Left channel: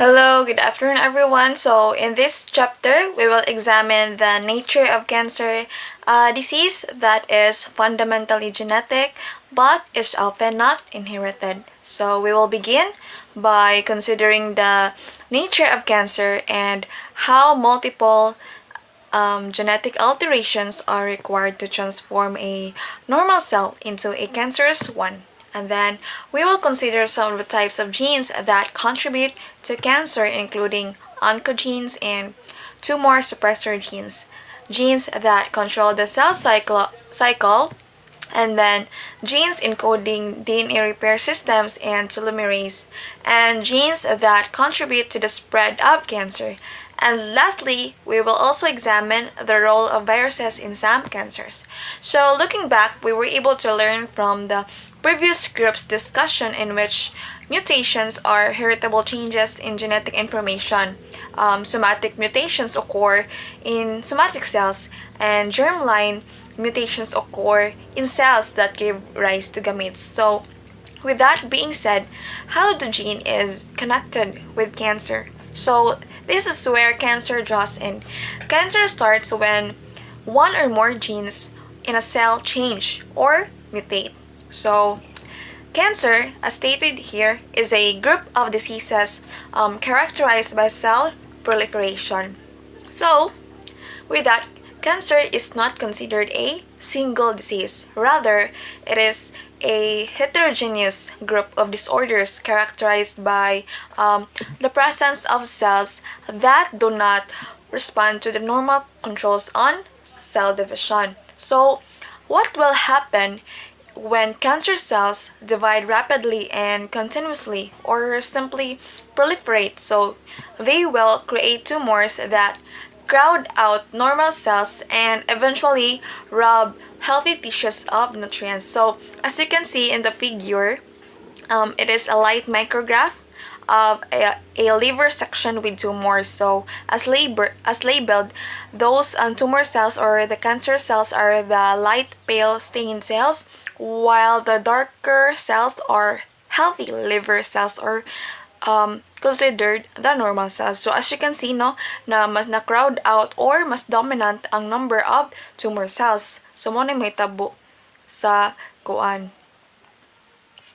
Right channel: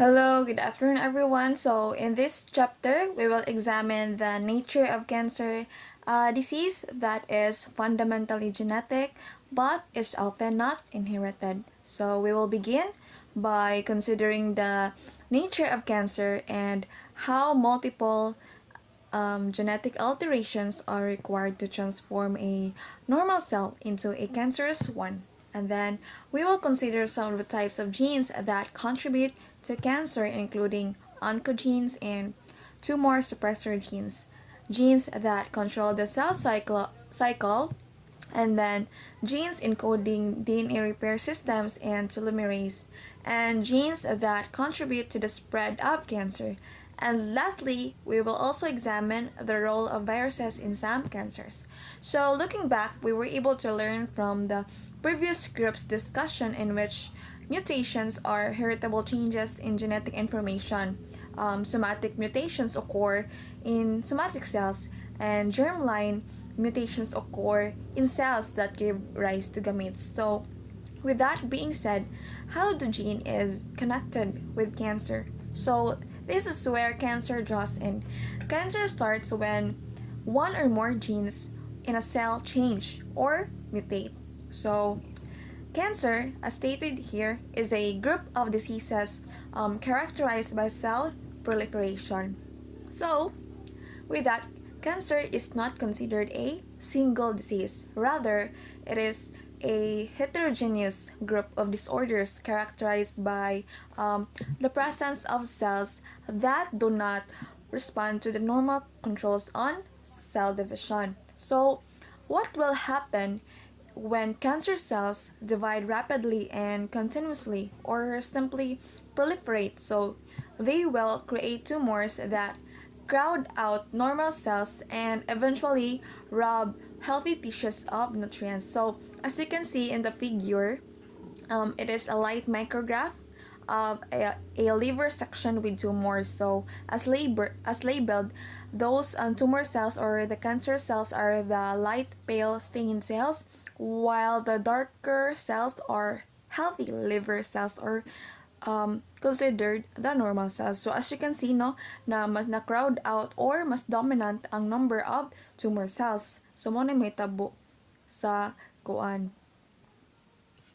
Hello, good afternoon, everyone. So, in this chapter, we will examine the nature of cancer, a disease that is fundamentally genetic but is often not inherited. So, we will begin by considering the nature of cancer and how multiple genetic alterations are required to transform a normal cell into a cancerous one. And then we will consider some of the types of genes that contribute to cancer, including oncogenes and tumor suppressor genes, genes that control the cell cycle, and then genes encoding DNA repair systems and telomerase, and genes that contribute to the spread of cancer. And lastly, we will also examine the role of viruses in some cancers. So, looking back, we were able to learn from the previous group's discussion in which mutations are heritable changes in genetic information. Somatic mutations occur in somatic cells, and germline mutations occur in cells that give rise to gametes. So, with that being said, how the gene is connected with cancer? So, this is where cancer draws in. Cancer starts when one or more genes in a cell change or mutate. So, cancer, as stated here, is a group of diseases characterized by cell proliferation. So, with that, cancer is not considered a single disease. Rather, it is a heterogeneous group of disorders characterized by the presence of cells that do not respond to the normal controls on cell division. So, what will happen when cancer cells divide rapidly and continuously or simply proliferate? So, they will create tumors that crowd out normal cells and eventually rob healthy tissues of nutrients. So, as you can see in the figure, it is a light micrograph of a liver section with tumors. So, as labeled, those tumor cells or the cancer cells are the light pale stained cells, while the darker cells are healthy liver cells or considered the normal cells. So as you can see, no, na mas na crowd out or mas dominant ang number of tumor cells. So mo na may tabo sa kuan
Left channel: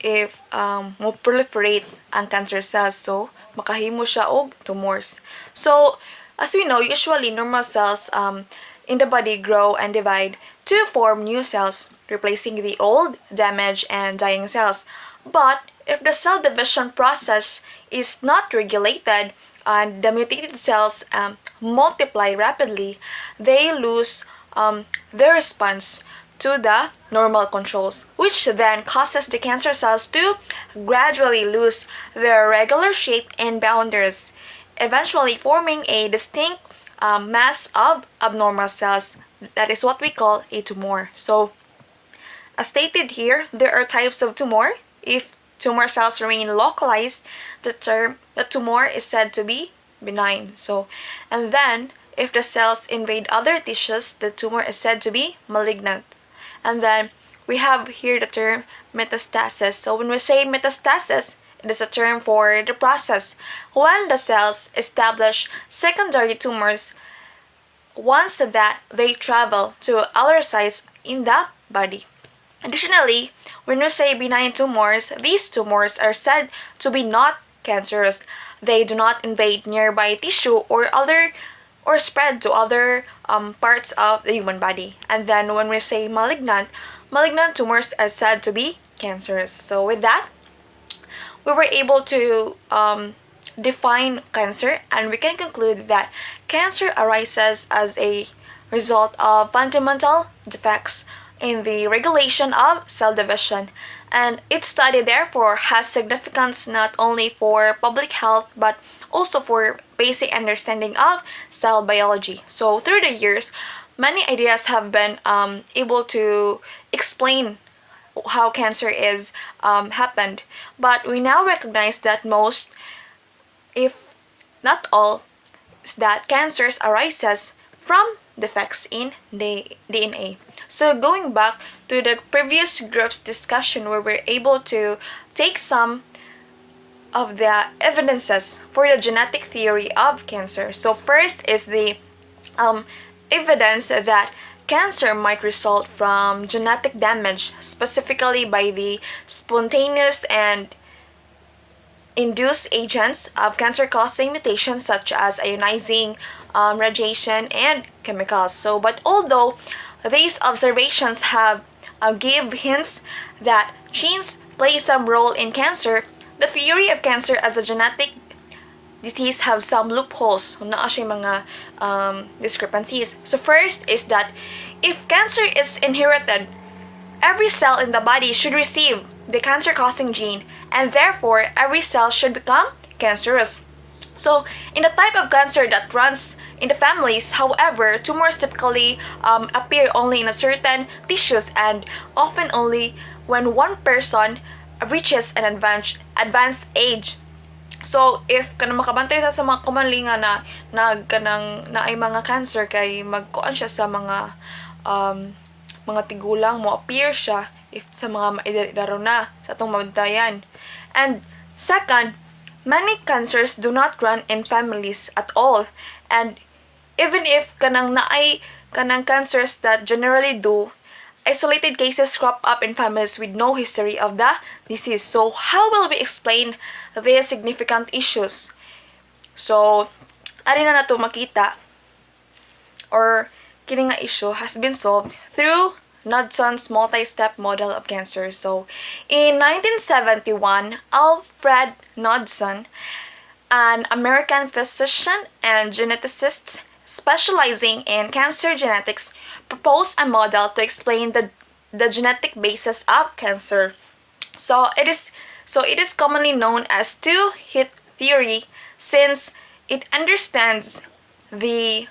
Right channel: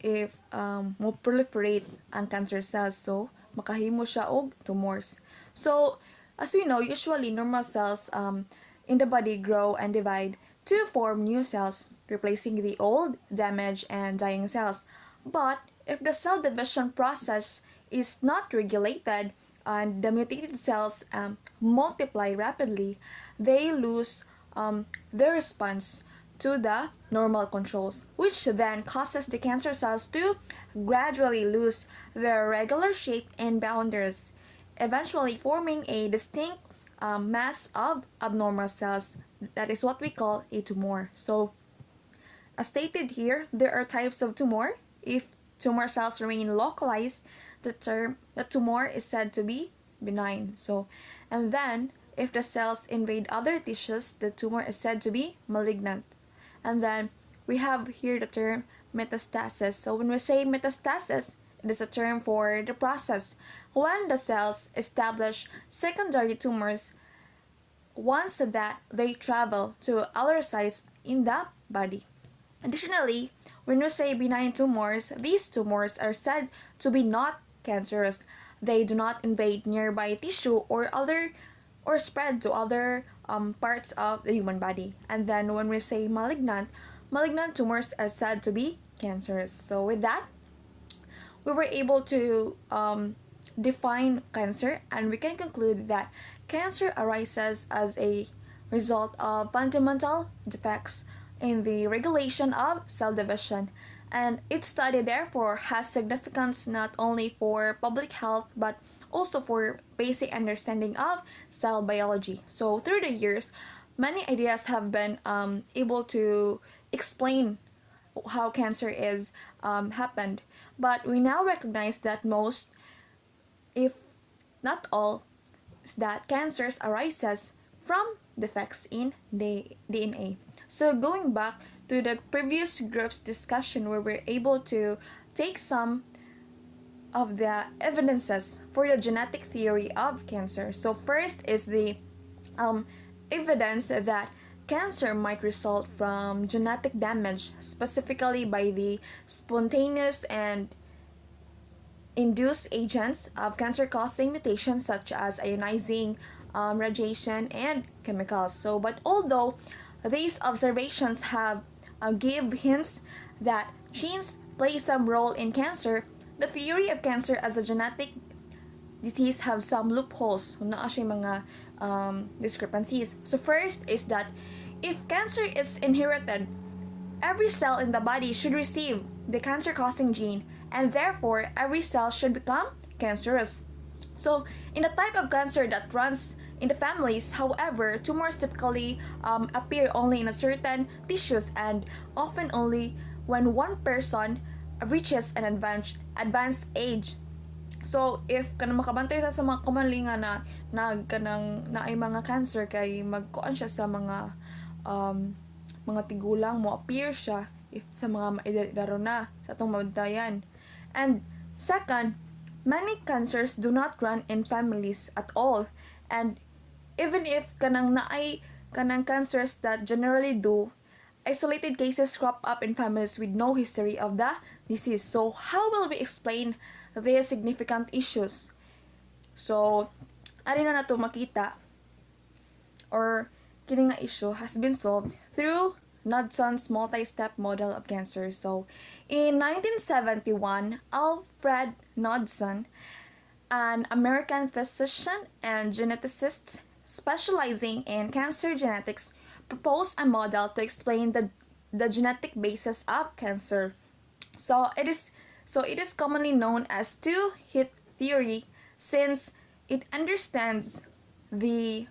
if mo proliferate ang cancer cells, so makahimo siya og tumors. So as we know, usually normal cells in the body grow and divide to form new cells, replacing the old, damaged, and dying cells. But if the cell division process is not regulated and the mutated cells multiply rapidly, they lose their response to the normal controls, which then causes the cancer cells to gradually lose their regular shape and boundaries, eventually forming a distinct mass of abnormal cells. That is what we call a tumor. So, as stated here, there are types of tumor. If tumor cells remain localized, the tumor is said to be benign. So, and then if the cells invade other tissues, the tumor is said to be malignant. And then we have here the term metastasis. So when we say metastasis, it is a term for the process when the cells establish secondary tumors once that they travel to other sites in the body. Additionally, when we say benign tumors, these tumors are said to be not cancerous. They do not invade nearby tissue or spread to other parts of the human body. And then when we say malignant tumors are said to be cancerous. So with that, we were able to define cancer, and we can conclude that cancer arises as a result of fundamental defects in the regulation of cell division, and its study therefore has significance not only for public health but also for basic understanding of cell biology. So through the years, many ideas have been able to explain how cancer is happened, but we now recognize that most, if not all, is that cancers arises from defects in the DNA. So going back to the previous group's discussion, where we're able to take some of the evidences for the genetic theory of cancer. So first is the evidence that cancer might result from genetic damage, specifically by the spontaneous and induced agents of cancer-causing mutations such as ionizing radiation and chemicals. So, but although these observations have give hints that genes play some role in cancer, the theory of cancer as a genetic disease have some loopholes. Naa siya mga discrepancies. So first is that if cancer is inherited, every cell in the body should receive the cancer-causing gene, and therefore every cell should become cancerous. So in the type of cancer that runs in the families, however, tumors typically appear only in a certain tissues and often only when one person reaches an advanced age. So if kanang makabantay sa mga commonly nga na kanang na ay mga cancer kay magkuan siya sa mga tigulang mo appear siya if sa mga maidaro na sa atong mabantayan. And second, many cancers do not run in families at all, and even if kanang naay kanang cancers that generally do, isolated cases crop up in families with no history of the disease. So how will we explain these significant issues? So ari na nato makita or kini nga issue has been solved through Knodson's multi-step model of cancer. So in 1971, Alfred Knodson, an American physician and geneticist specializing in cancer genetics, proposed a model to explain the genetic basis of cancer. So it is commonly known as two-hit theory, since it understands the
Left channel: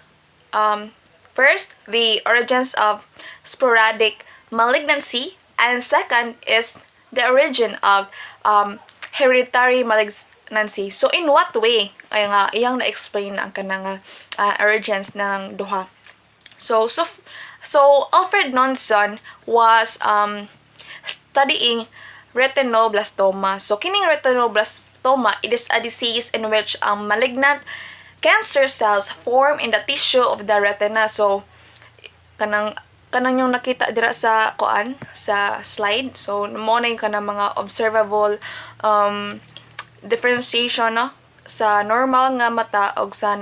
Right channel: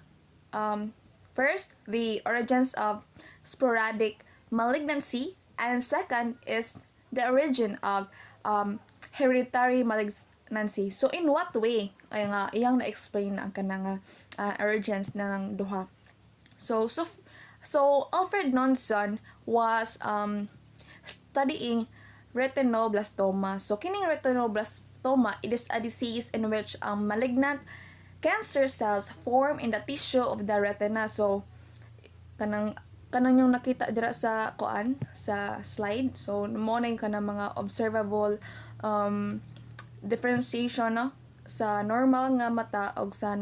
first, the origins of sporadic malignancy, and second is the origin of hereditary malignancy. So in what way ay nga iyang na-explain ang kanang origins ng duha. So Alfred Knudson was studying retinoblastoma. So kining retinoblastoma, it is a disease in which malignant cancer cells form in the tissue of the retina. So kanang yung nakita dira sa sa slide. So mo na yung kanang mga observable differentiation no sa normal nga mata og sa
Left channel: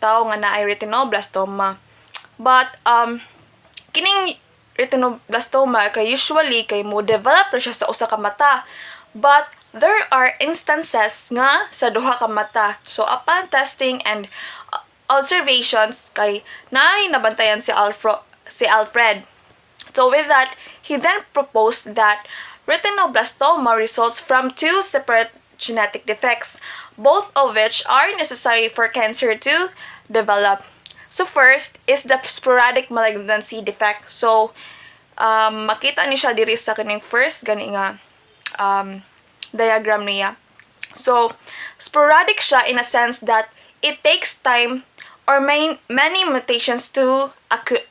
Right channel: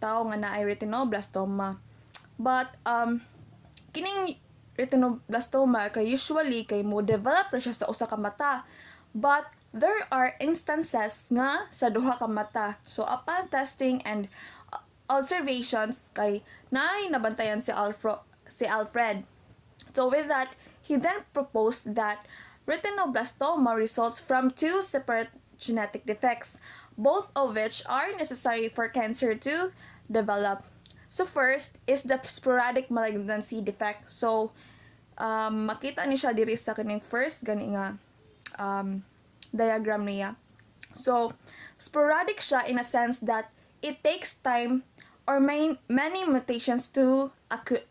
tao nga naay retinoblastoma. But kining retinoblastoma kay usually kay mo develop siya sa usa ka mata, but there are instances nga sa duha ka mata. So upon testing and observations kay naay nabantayan si Alfred. So with that, he then proposed that retinoblastoma results from two separate genetic defects, both of which are necessary for cancer to develop. So first is the sporadic malignancy defect. So makita ni siya diri sa kaning first gani nga diagram niya. So sporadic siya in a sense that it takes time or many mutations to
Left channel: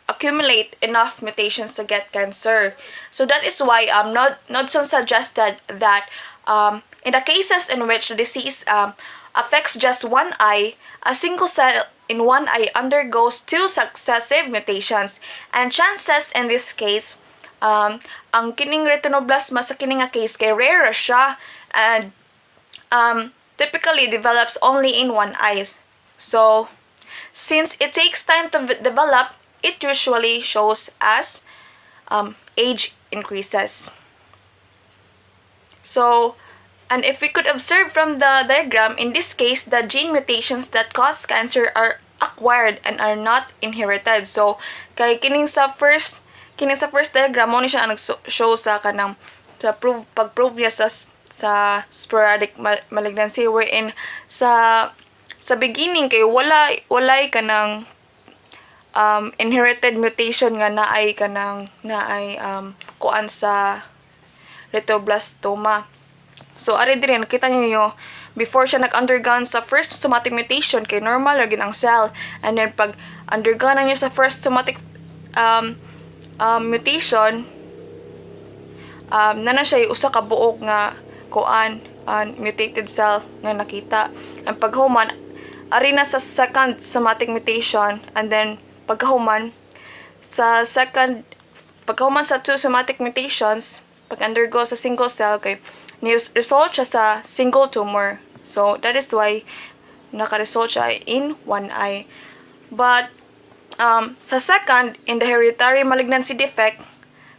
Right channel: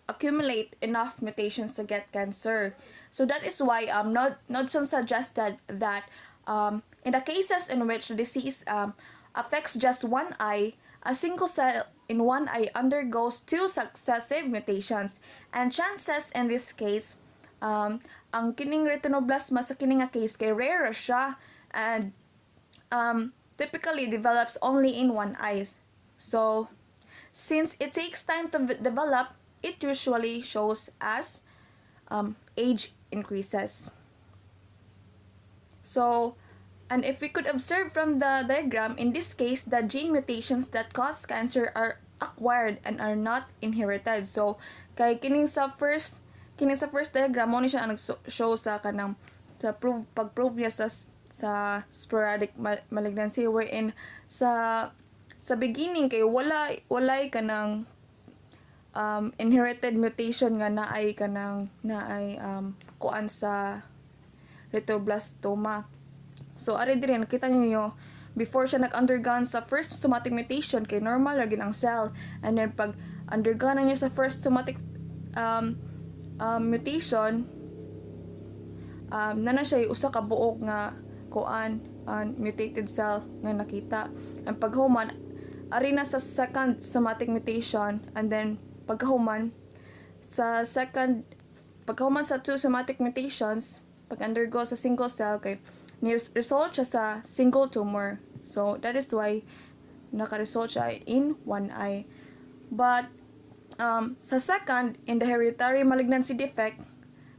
accumulate enough mutations to get cancer. So that is why Knudson suggested that in the cases in which the disease affects just one eye, a single cell in one eye undergoes two successive mutations, and chances in this case ang kining retinoblastoma sa kining nga case kay rare siya and typically develops only in one eye. So since it takes time to develop, it usually shows as age increases. So, and if we could observe from the diagram, in this case, the gene mutations that cause cancer are acquired and are not inherited. So, kay kining sa first diagram mo ni siya nag-show sa kanang sa pag-prove niya sa sporadic malignancy, wherein sa beginning kay walay kanang inherited mutation nga naay kuan sa retinoblastoma. So ari diri nakita niyo before siya nag-undergone sa first somatic mutation kay normal ra gid ang cell, and then pag undergone niya sa first somatic mutation na siya usa ka buok nga kuan mutated cell nga nakita. Ang paghuman ari na sa second somatic mutation, and then pagkahuman sa two somatic mutations, pag-undergo sa single cell, kay result siya sa single tumor. So, that is why naka-result siya in one eye. But, sa second, in the hereditary malignancy defect,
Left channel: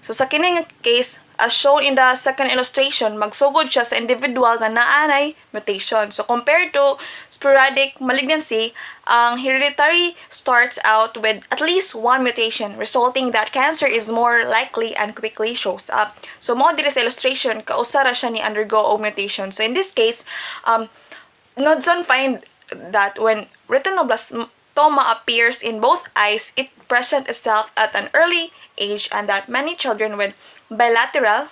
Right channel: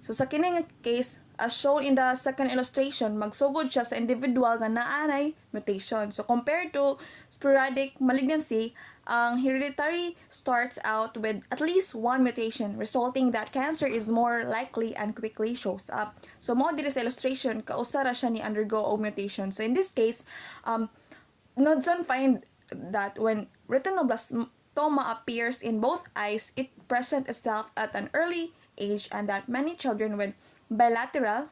so sa kining case, as shown in the second illustration, magsugod siya sa individual na naanay mutation. So, compared to sporadic malignancy, ang hereditary starts out with at least one mutation, resulting that cancer is more likely and quickly shows up. So, mo diri sa illustration, kausara siya ni undergo og mutation. So, in this case, Knudson find that when retinoblastoma appears in both eyes, it presents itself at an early age, and that many children with bilateral,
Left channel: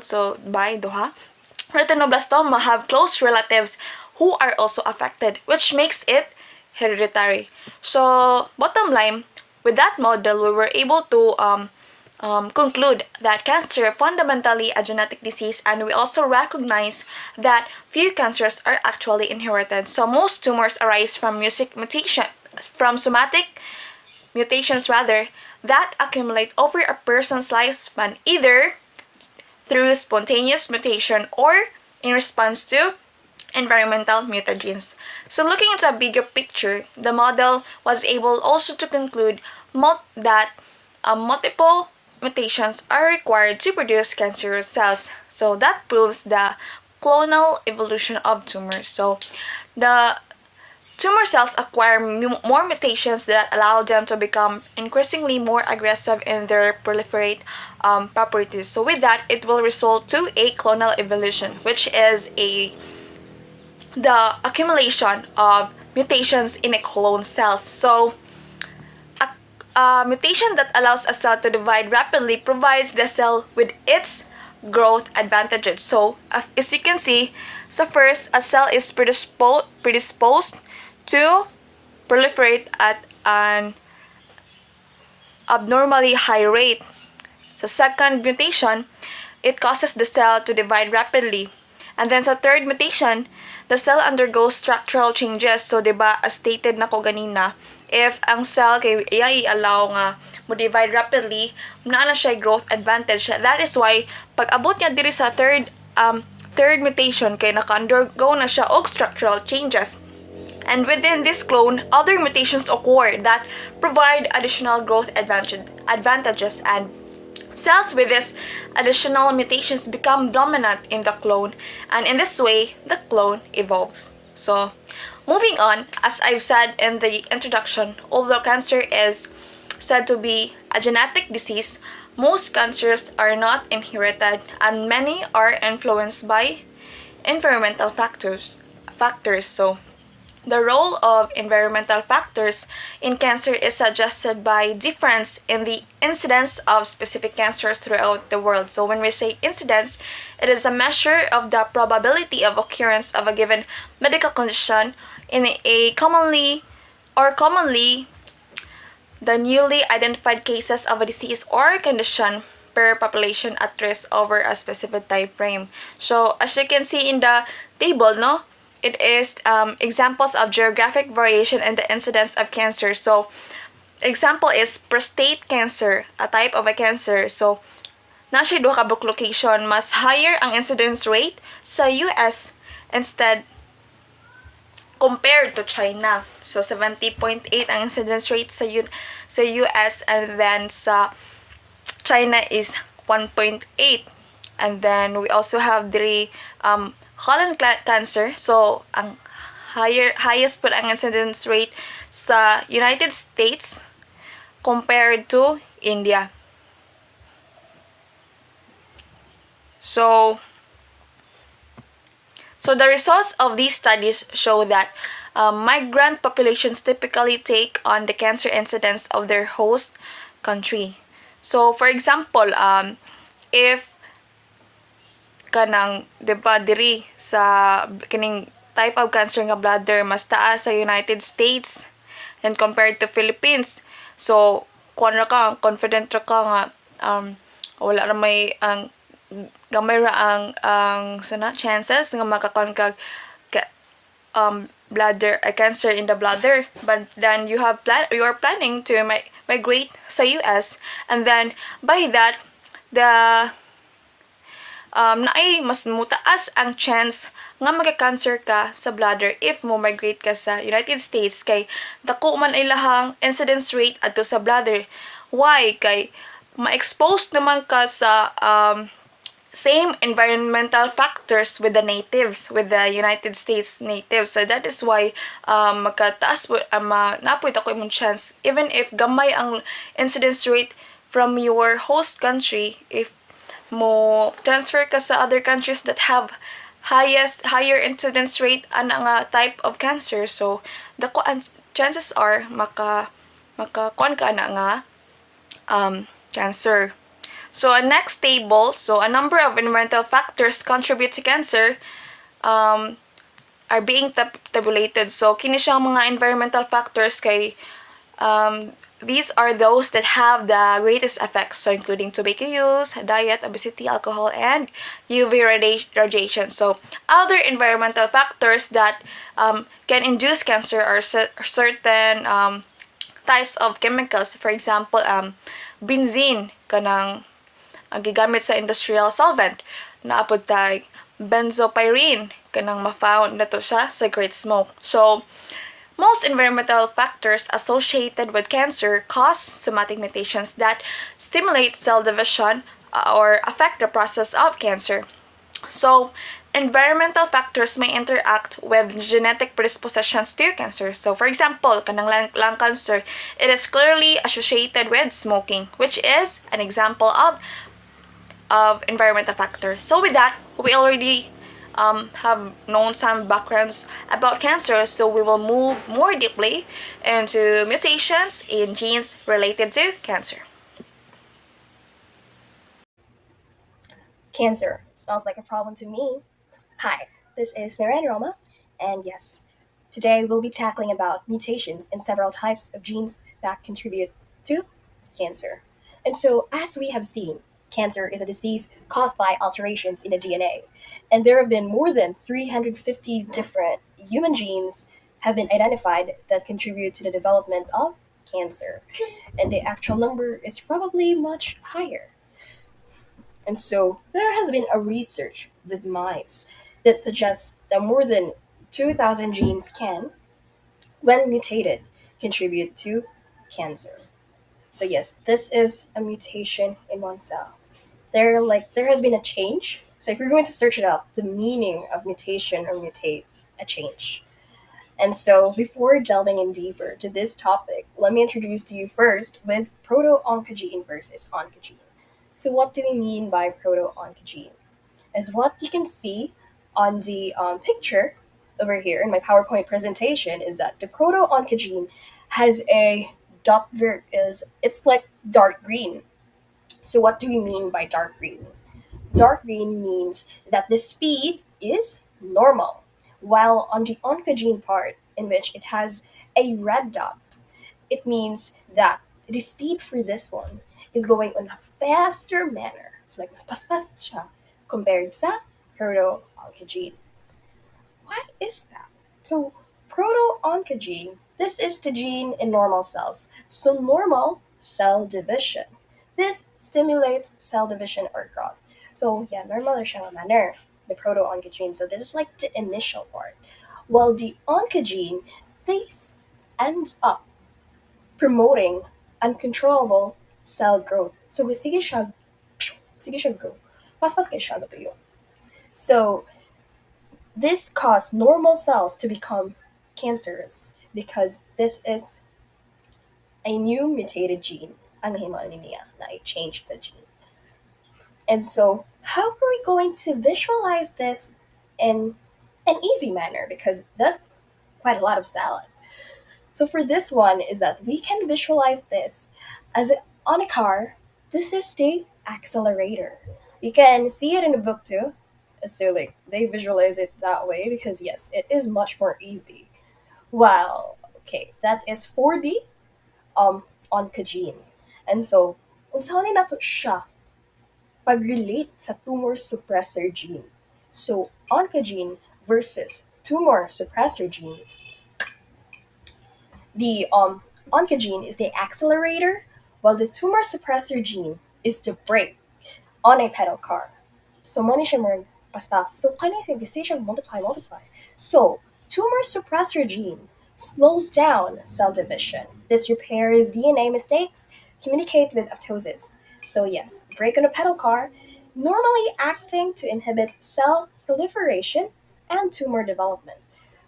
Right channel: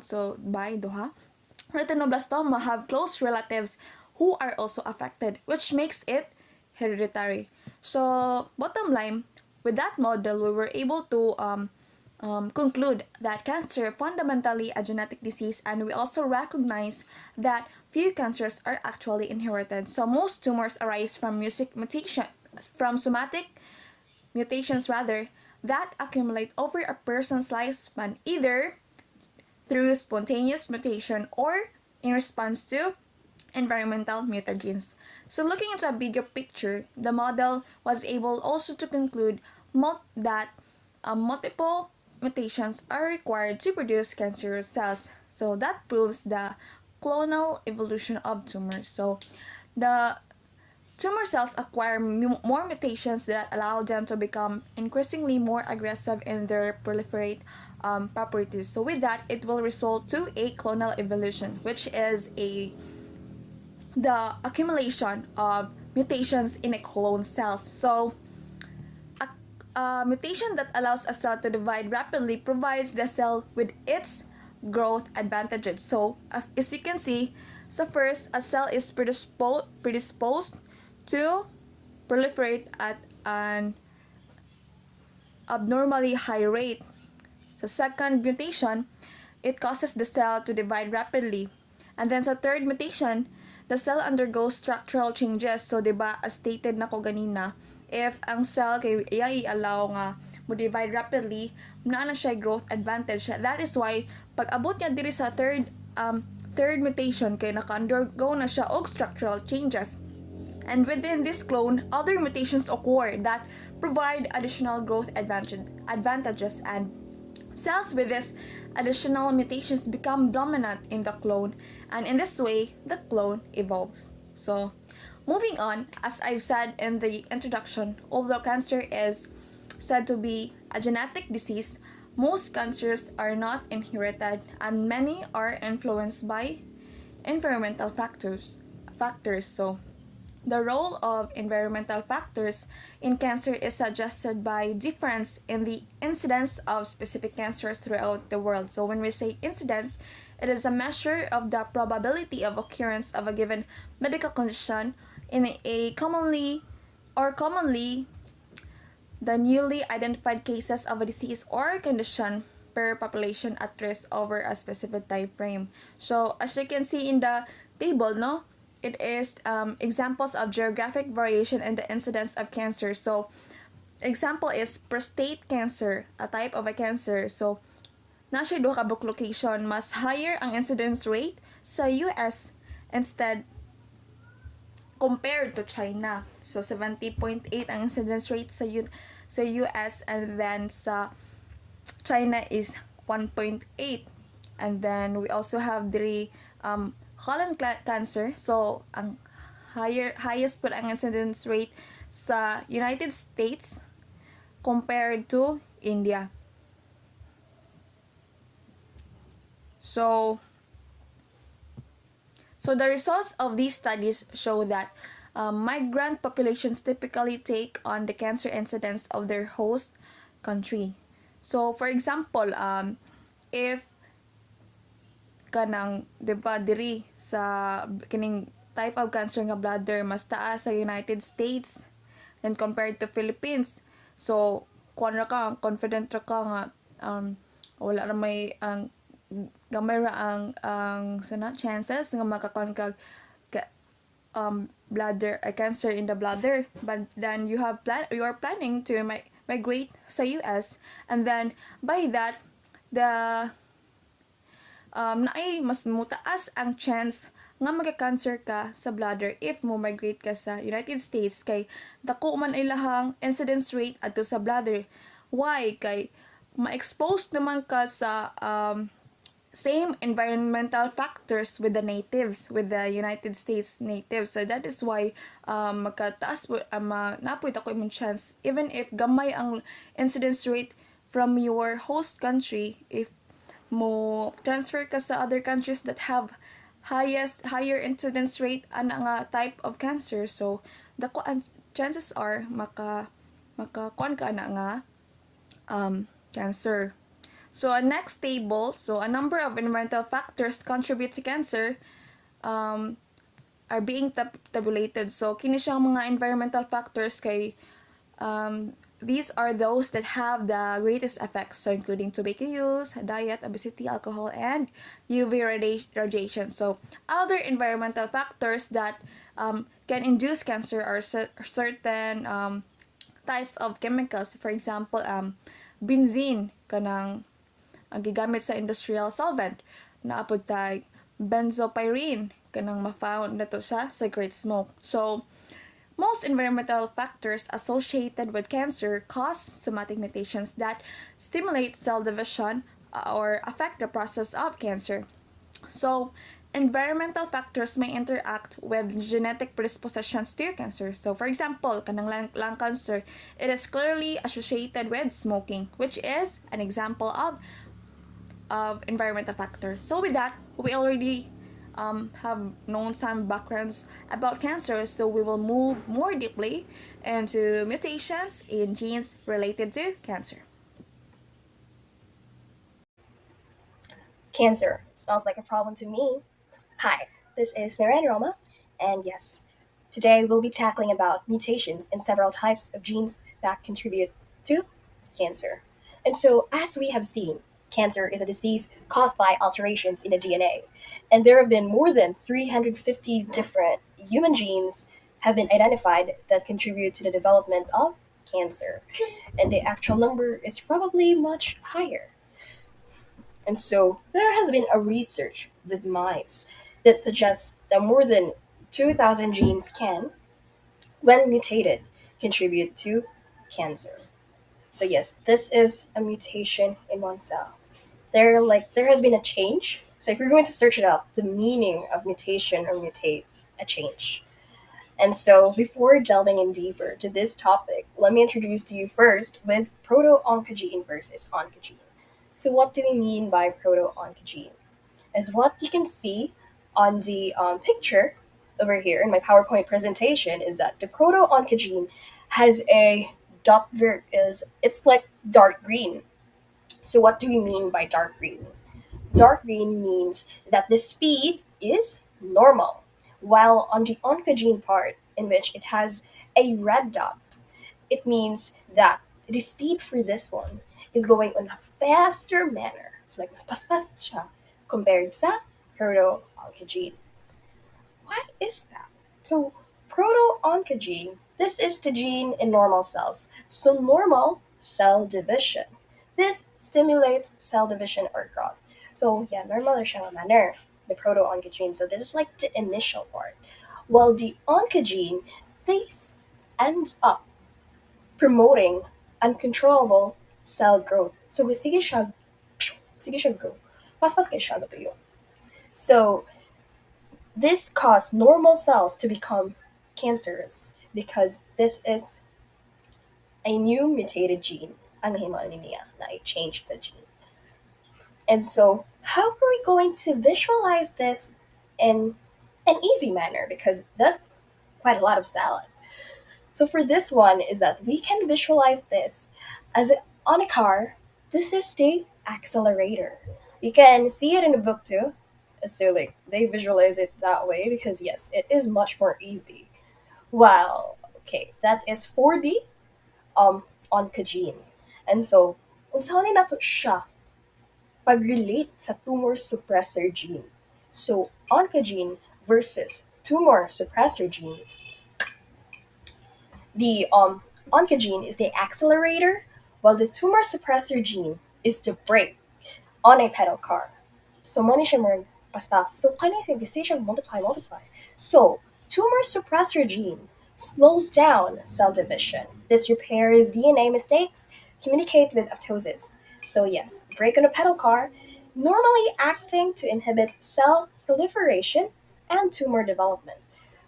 so by duha, retinoblastoma have close relatives who are also affected, which makes it hereditary. So, bottom line, with that model, we were able to conclude that cancer fundamentally a genetic disease, and we also recognize that few cancers are actually inherited. So, most tumors arise from somatic mutations that accumulate over a person's lifespan, either through spontaneous mutation or in response to environmental mutagens. So, looking into a bigger picture, the model was able also to conclude that multiple mutations are required to produce cancerous cells. So, that proves the clonal evolution of tumors. So, the tumor cells acquire more mutations that allow them to become increasingly more aggressive in their proliferate properties. So with that, it will result to a clonal evolution, which is the accumulation of mutations in a clone cells. So a mutation that allows a cell to divide rapidly provides the cell with its growth advantages. So as you can see, so first, a cell is predisposed to proliferate at an abnormally high rate. Sa second mutation, it causes the cell to divide rapidly. And then sa third mutation, the cell undergoes structural changes. So, diba, as stated na ko ganina, if ang cell kay i-allow nga mo divide rapidly, na siya growth advantage. That is why, pag abot niya diri sa third mutation, kay naka-undergo na siya og structural changes. And within this clone, other mutations occur that provide additional growth advantages, and cells with these additional mutations become dominant in the clone, and in this way, the clone evolves. So, moving on, as I've said in the introduction, although cancer is said to be a genetic disease, most cancers are not inherited, and many are influenced by environmental factors. So, the role of environmental factors in cancer is suggested by difference in the incidence of specific cancers throughout the world. So when we say incidence, it is a measure of the probability of occurrence of a given medical condition in a commonly the newly identified cases of a disease or condition per population at risk over a specific time frame. So as you can see in the table, no? It is examples of geographic variation in the incidence of cancer. So, example is prostate cancer, a type of a cancer. So, nasa duha ka location, mas higher ang incidence rate sa US instead compared to China. So, 70.8 ang incidence rate sa US, and then sa China is 1.8. And then we also have the colon cancer. So, ang highest po ang incidence rate sa United States compared to India. So the results of these studies show that migrant populations typically take on the cancer incidence of their host country. So, for example, if kanang diba diri sa kining type of cancer nga bladder mas taas sa United States and compared to Philippines, so confident ra ka nga wala ra may ang gamay ra ang sana chances nga makakon kag bladder cancer in the bladder, but then you're planning to migrate sa US, and then by that the naay mas mutaas ang chance nga magka-cancer ka sa bladder if mo migrate ka sa United States, kay dako man ay lahang incidence rate adto sa bladder. Why? Kay ma-expose naman ka sa same environmental factors with the natives, with the United States natives. So that is why magkataas po, napoy ako imong chance, even if gamay ang incidence rate from your host country, if mo transfer ka sa other countries that have higher incidence rate ana nga type of cancer, so dako ang chances are maka kuan ka na nga cancer. So a next table, so a number of environmental factors contribute to cancer are being tabulated. So kini siyang mga environmental factors kay these are those that have the greatest effects, so including tobacco use, diet, obesity, alcohol, and UV radiation. So other environmental factors that can induce cancer are certain types of chemicals. For example, benzene kanang ang gigamit sa industrial solvent. Naapod tag benzopyrene kanang ma-found nato sa cigarette smoke. So most environmental factors associated with cancer cause somatic mutations that stimulate cell division or affect the process of cancer. So, environmental factors may interact with genetic predispositions to cancer. So, for example, kanang lung cancer, it is clearly associated with smoking, which is an example of environmental factors. So, with that, we already have known some backgrounds about cancer, so we will move more deeply into mutations in genes related to cancer. Cancer smells like a problem to me. Hi, this is Miranda Roma, and yes, today we'll be tackling about mutations in several types of genes that contribute to cancer. And so, as we have seen, cancer is a disease caused by alterations in the DNA, and there have been more than 350 different human genes have been identified that contribute to the development of cancer, and the actual number is probably much higher. And so there has been a research with mice that suggests that more than 2,000 genes can, when mutated, contribute to cancer. So yes, this is a mutation in one cell. There has been a change. So if you're going to search it up, the meaning of mutation or mutate, a change. And so before delving in deeper to this topic, let me introduce to you first with proto-oncogene versus oncogene. So what do we mean by proto-oncogene? As what you can see on the picture over here in my PowerPoint presentation is that the proto-oncogene has a is it's like dark green. So what do we mean by dark green? Dark green means that the speed is normal, while on the oncogene part, in which it has a red dot, it means that the speed for this one is going on a faster manner. So like mas paspas siya compared sa proto-oncogene. Why is that? So proto-oncogene, this is the gene in normal cells. So normal cell division. This stimulates cell division or growth. So yeah, normal or siyang manner, the proto-oncogene. So this is like the initial part. While the oncogene, this ends up promoting uncontrollable cell growth. So sige siya grow. Pas kay siya natuyo. So this caused normal cells to become cancerous because this is a new mutated gene ang nahimano niya na a change sa gene. And so how are we going to visualize this in an easy manner? Because there's quite a lot of salad. So for this one is that we can visualize this as on a car. This is the accelerator. You can see it in the book too. So like they visualize it that way because yes, it is much more easy. Well, okay, that is for the oncogene. And so unsa ni nato siya pag-relate sa tumor suppressor gene. So, oncogene versus tumor suppressor gene. The oncogene is the accelerator, while the tumor suppressor gene is the brake on a pedal car. So, money siya more basta. So, kanya siya multiply, multiply. So, tumor suppressor gene slows down cell division. This repairs DNA mistakes, communicate with apoptosis. So, yes, brake on a pedal car, normally acting to inhibit cell proliferation and tumor development.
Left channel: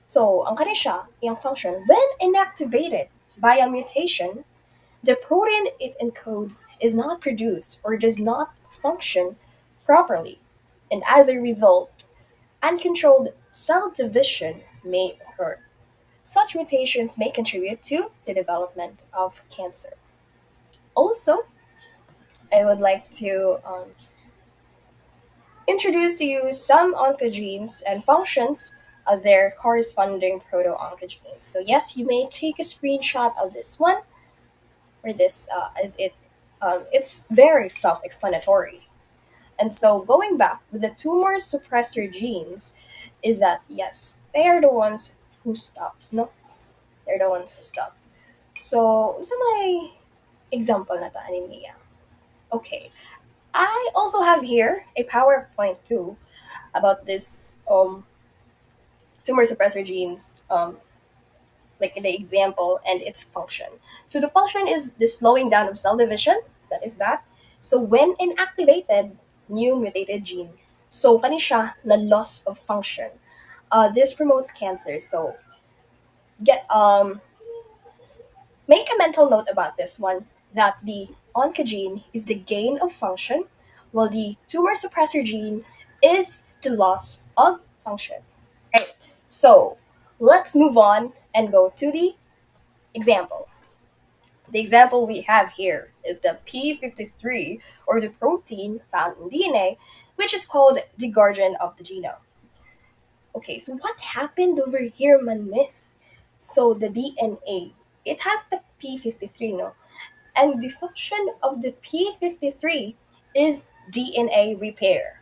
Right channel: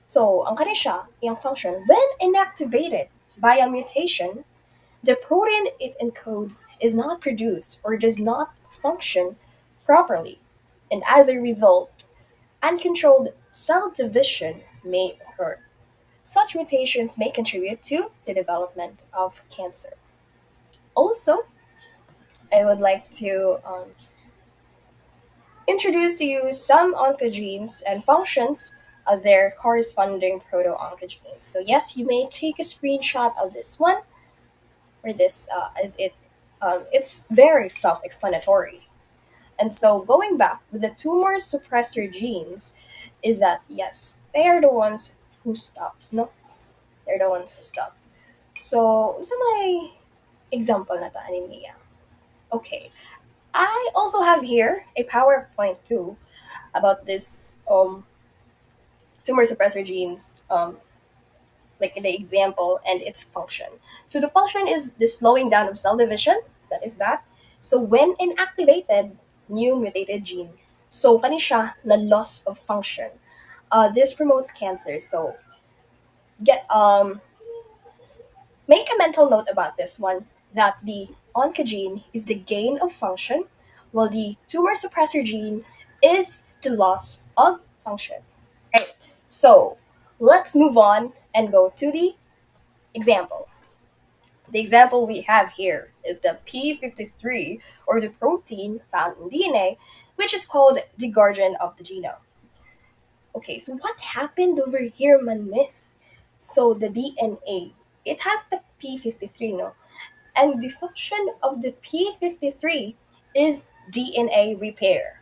So, ang kani siya, iyang function, when inactivated by a mutation, the protein it encodes is not produced or does not function properly. And as a result, uncontrolled cell division may occur. Such mutations may contribute to the development of cancer. Also, I would like to introduce to you some oncogenes and functions of their corresponding proto-oncogenes. So yes, you may take a screenshot of this one, or this as it's very self-explanatory. And so going back with the tumor suppressor genes is that yes, they are the ones who stops, no? They're the ones who stops. So sa may example na ta ani Mia. Okay. I also have here a PowerPoint too about this tumor suppressor genes, like in the example and its function. So the function is the slowing down of cell division. That is that. So when inactivated, new mutated gene. So kani siya na loss of function. This promotes cancer. So get make a mental note about this one that the oncogene is the gain of function, while the tumor suppressor gene is the loss of function. Right. So let's move on and go to the example. The example we have here is the P53, or the protein found in DNA, which is called the guardian of the genome. Okay, so what happened over here, man, miss? So the DNA, it has the P53, no? And the function of the P53 is DNA repair.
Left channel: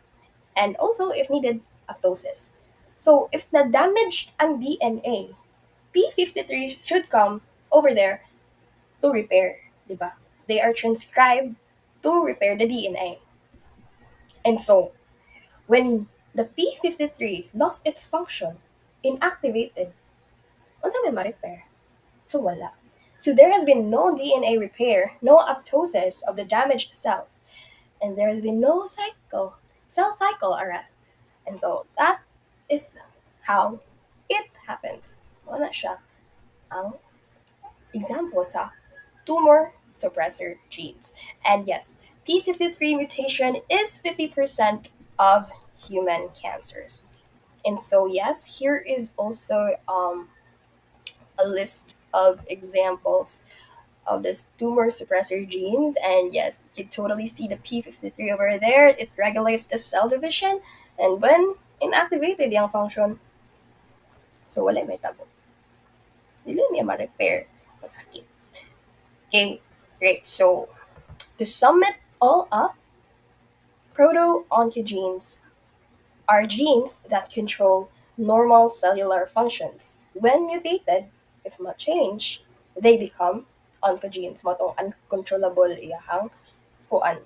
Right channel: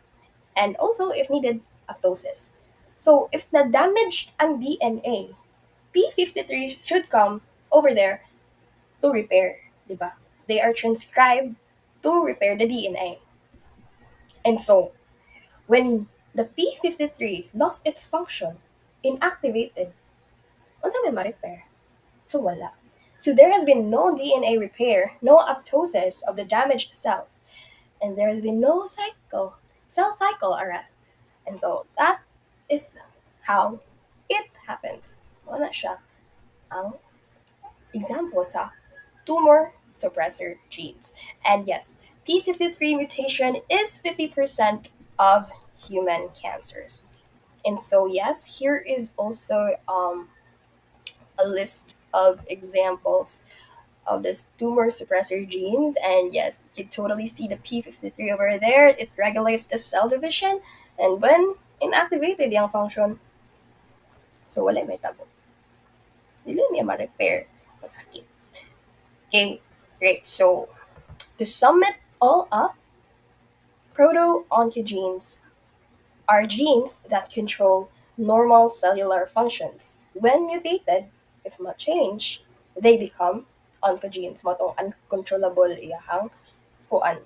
And also, if needed, apoptosis. So if na damaged ang DNA, P53 should come over there to repair, di ba? They are transcribed to repair the DNA. And so, when the P53 lost its function, inactivated, unsa man ma-repair? So wala. So there has been no DNA repair, no apoptosis of the damaged cells, and there has been no cell cycle arrest. And so that is how it happens. Wala siya ang example sa tumor suppressor genes. And yes, P53 mutation is 50% of human cancers. And so, yes, here is also a list of examples of this tumor suppressor genes. And yes, you can totally see the P53 over there. It regulates the cell division. And when inactivated yung function, so wala may tabo. Dili niya ma-repair. Masakit. Okay, great. So, to sum it all up, proto-oncogenes are genes that control normal cellular functions. When mutated, if not changed, they become oncogenes. Matong uncontrollable iyahang kuan,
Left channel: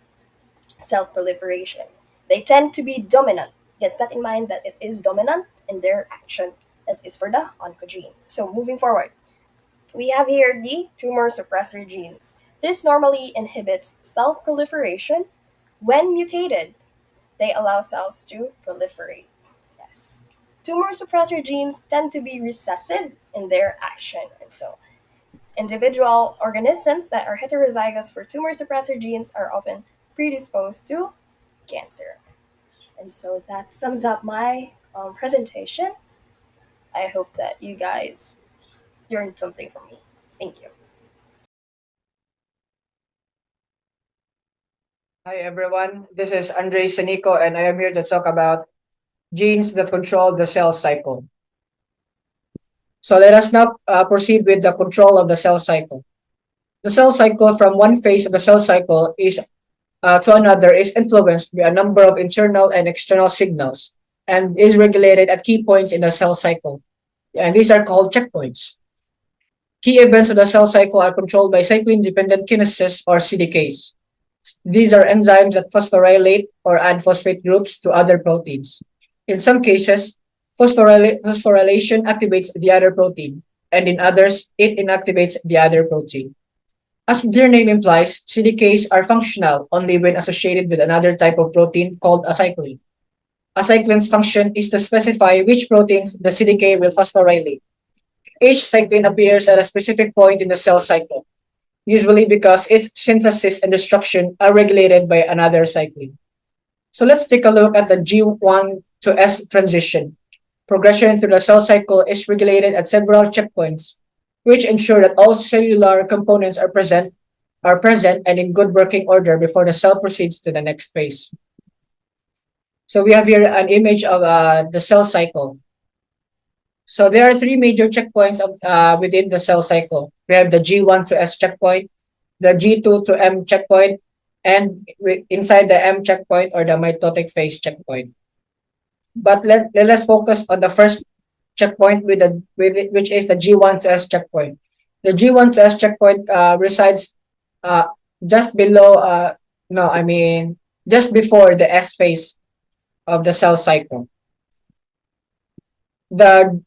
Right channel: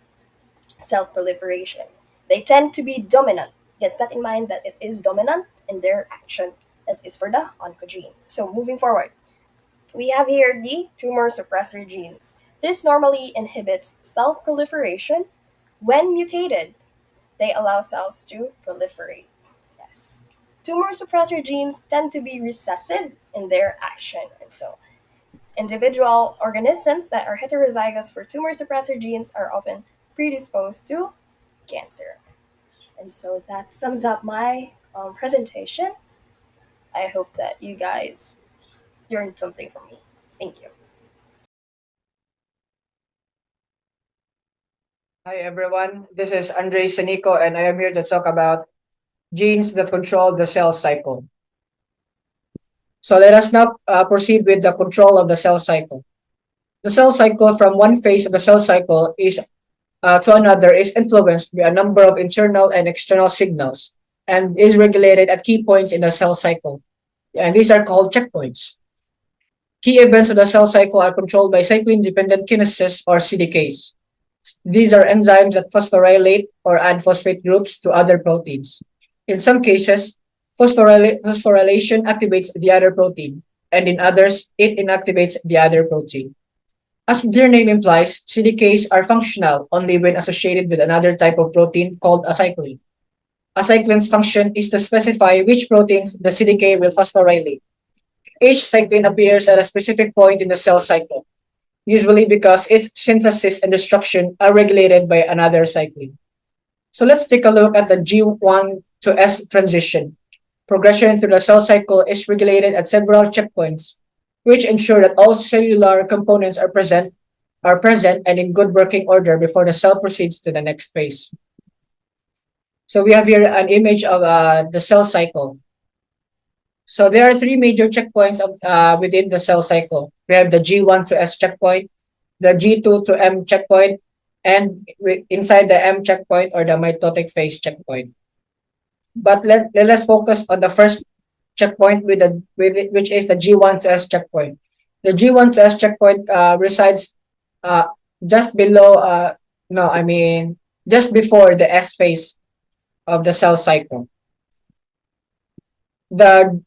cell proliferation. They tend to be dominant. Get that in mind that it is dominant in their action. That is for the oncogene. So moving forward, we have here the tumor suppressor genes. This normally inhibits cell proliferation. When mutated, they allow cells to proliferate. Yes. Tumor suppressor genes tend to be recessive in their action, and so individual organisms that are heterozygous for tumor suppressor genes are often predisposed to cancer. And so that sums up my presentation. I hope that you guys learned something from me. Thank you. Hi everyone, this is Andre Sanico and I am here to talk about genes that control the cell cycle. So let us now proceed with the control of the cell cycle. The cell cycle, from one phase of the cell cycle is to another is influenced by a number of internal and external signals and is regulated at key points in the cell cycle. And these are called checkpoints. Key events of the cell cycle are controlled by cyclin-dependent kinases or CDKs. These are enzymes that phosphorylate or add phosphate groups to other proteins. In some cases, phosphorylation activates the other protein, and in others, it inactivates the other protein. As their name implies, CDKs are functional only when associated with another type of protein called a cyclin. A cyclin's function is to specify which proteins the CDK will phosphorylate. Each cyclin appears at a specific point in the cell cycle, usually because its synthesis and destruction are regulated by another cyclin. So let's take a look at the G1 to S transition. Progression through the cell cycle is regulated at several checkpoints, which ensure that all cellular components are present and in good working order before the cell proceeds to the next phase. So we have here an image of the cell cycle. So there are three major checkpoints within the cell cycle. We have the G1 to S checkpoint, the G2 to M checkpoint, and inside the M checkpoint or the mitotic phase checkpoint. But let's focus on the first checkpoint which is the G1 to S checkpoint. The G1 to S checkpoint resides just below just before the S phase of the cell cycle. The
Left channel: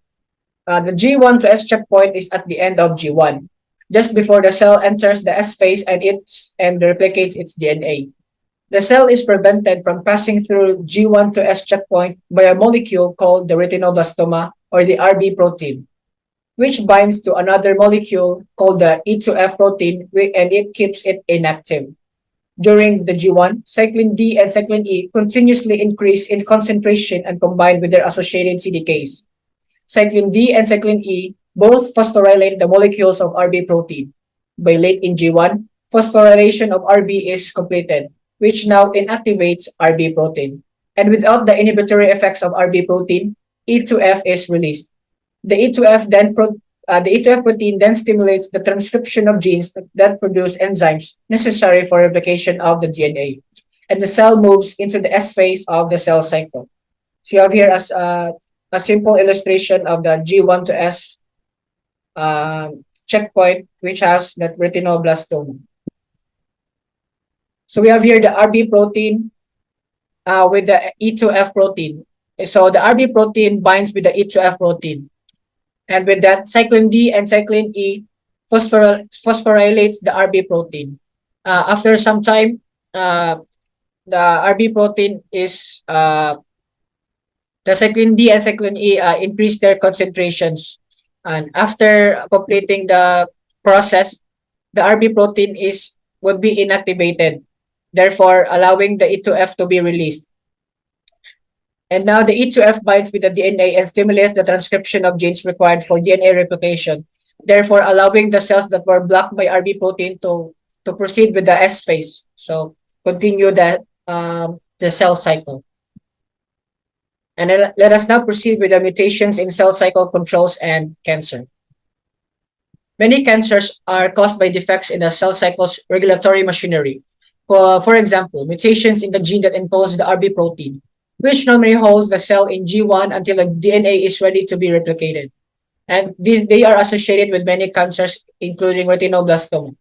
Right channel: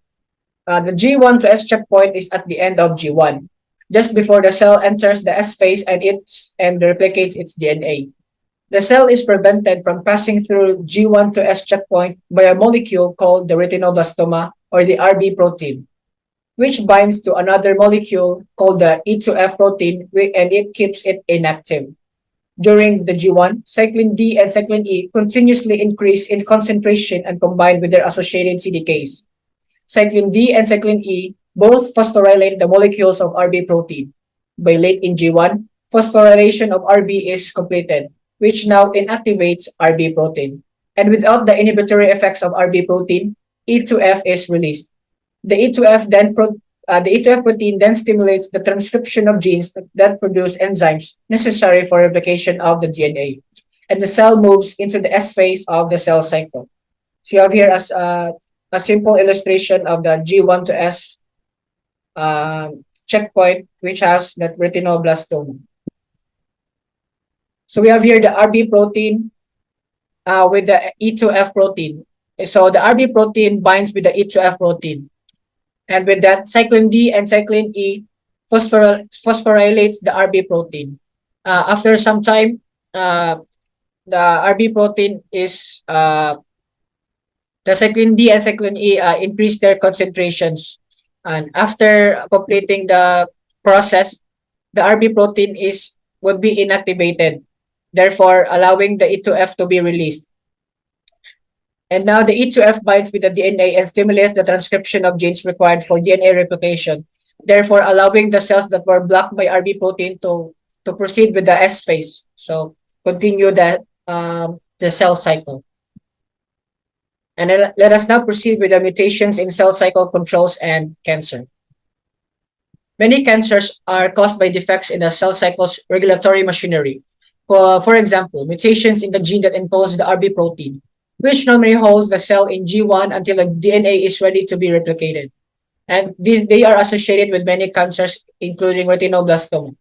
G1 to S checkpoint is at the end of G1, just before the cell enters the S phase and replicates its DNA. The cell is prevented from passing through G1 to S checkpoint by a molecule called the retinoblastoma or the RB protein, which binds to another molecule called the E2F protein and it keeps it inactive. During the G1, cyclin D and cyclin E continuously increase in concentration and combine with their associated CDKs. Cyclin D and cyclin E both phosphorylate the molecules of RB protein. By late in G1, phosphorylation of RB is completed, which now inactivates RB protein. And without the inhibitory effects of RB protein, E2F is released. The E2F protein then stimulates the transcription of genes that produce enzymes necessary for replication of the DNA. And the cell moves into the S phase of the cell cycle. So you have here as a simple illustration of the G1 to S checkpoint, which has that retinoblastoma. So we have here the RB protein with the E2F protein. So the RB protein binds with the E2F protein. And with that, cyclin D and cyclin E phosphorylates the RB protein. After some time, the RB protein is the cyclin D and cyclin E increase their concentrations. And after completing the process, the RB protein would be inactivated, therefore allowing the E2F to be released. And now the E2F binds with the DNA and stimulates the transcription of genes required for DNA replication, therefore allowing the cells that were blocked by RB protein to proceed with the S phase. So continue the cell cycle. And let us now proceed with the mutations in cell cycle controls and cancer. Many cancers are caused by defects in the cell cycle's regulatory machinery. For example, mutations in the gene that encodes the RB protein, which normally holds the cell in G1 until the DNA is ready to be replicated. And they are associated with many cancers, including retinoblastoma.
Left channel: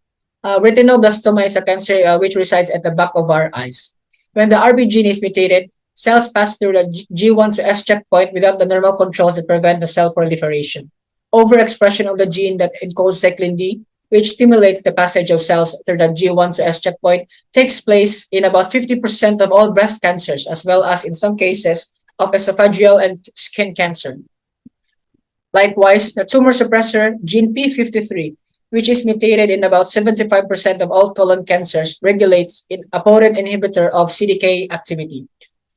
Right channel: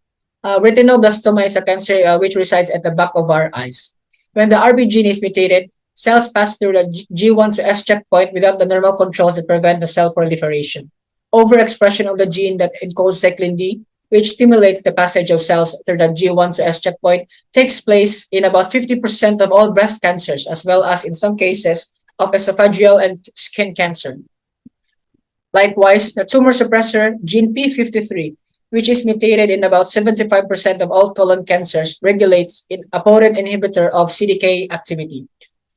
Retinoblastoma is a cancer which resides at the back of our eyes. When the RB gene is mutated, cells pass through the G1 to S checkpoint without the normal controls that prevent the cell proliferation. Overexpression of the gene that encodes cyclin D, which stimulates the passage of cells through the G1 to S checkpoint, takes place in about 50% of all breast cancers, as well as in some cases of esophageal and skin cancer. Likewise, the tumor suppressor gene P53, which is mutated in about 75% of all colon cancers, regulates a potent inhibitor of CDK activity.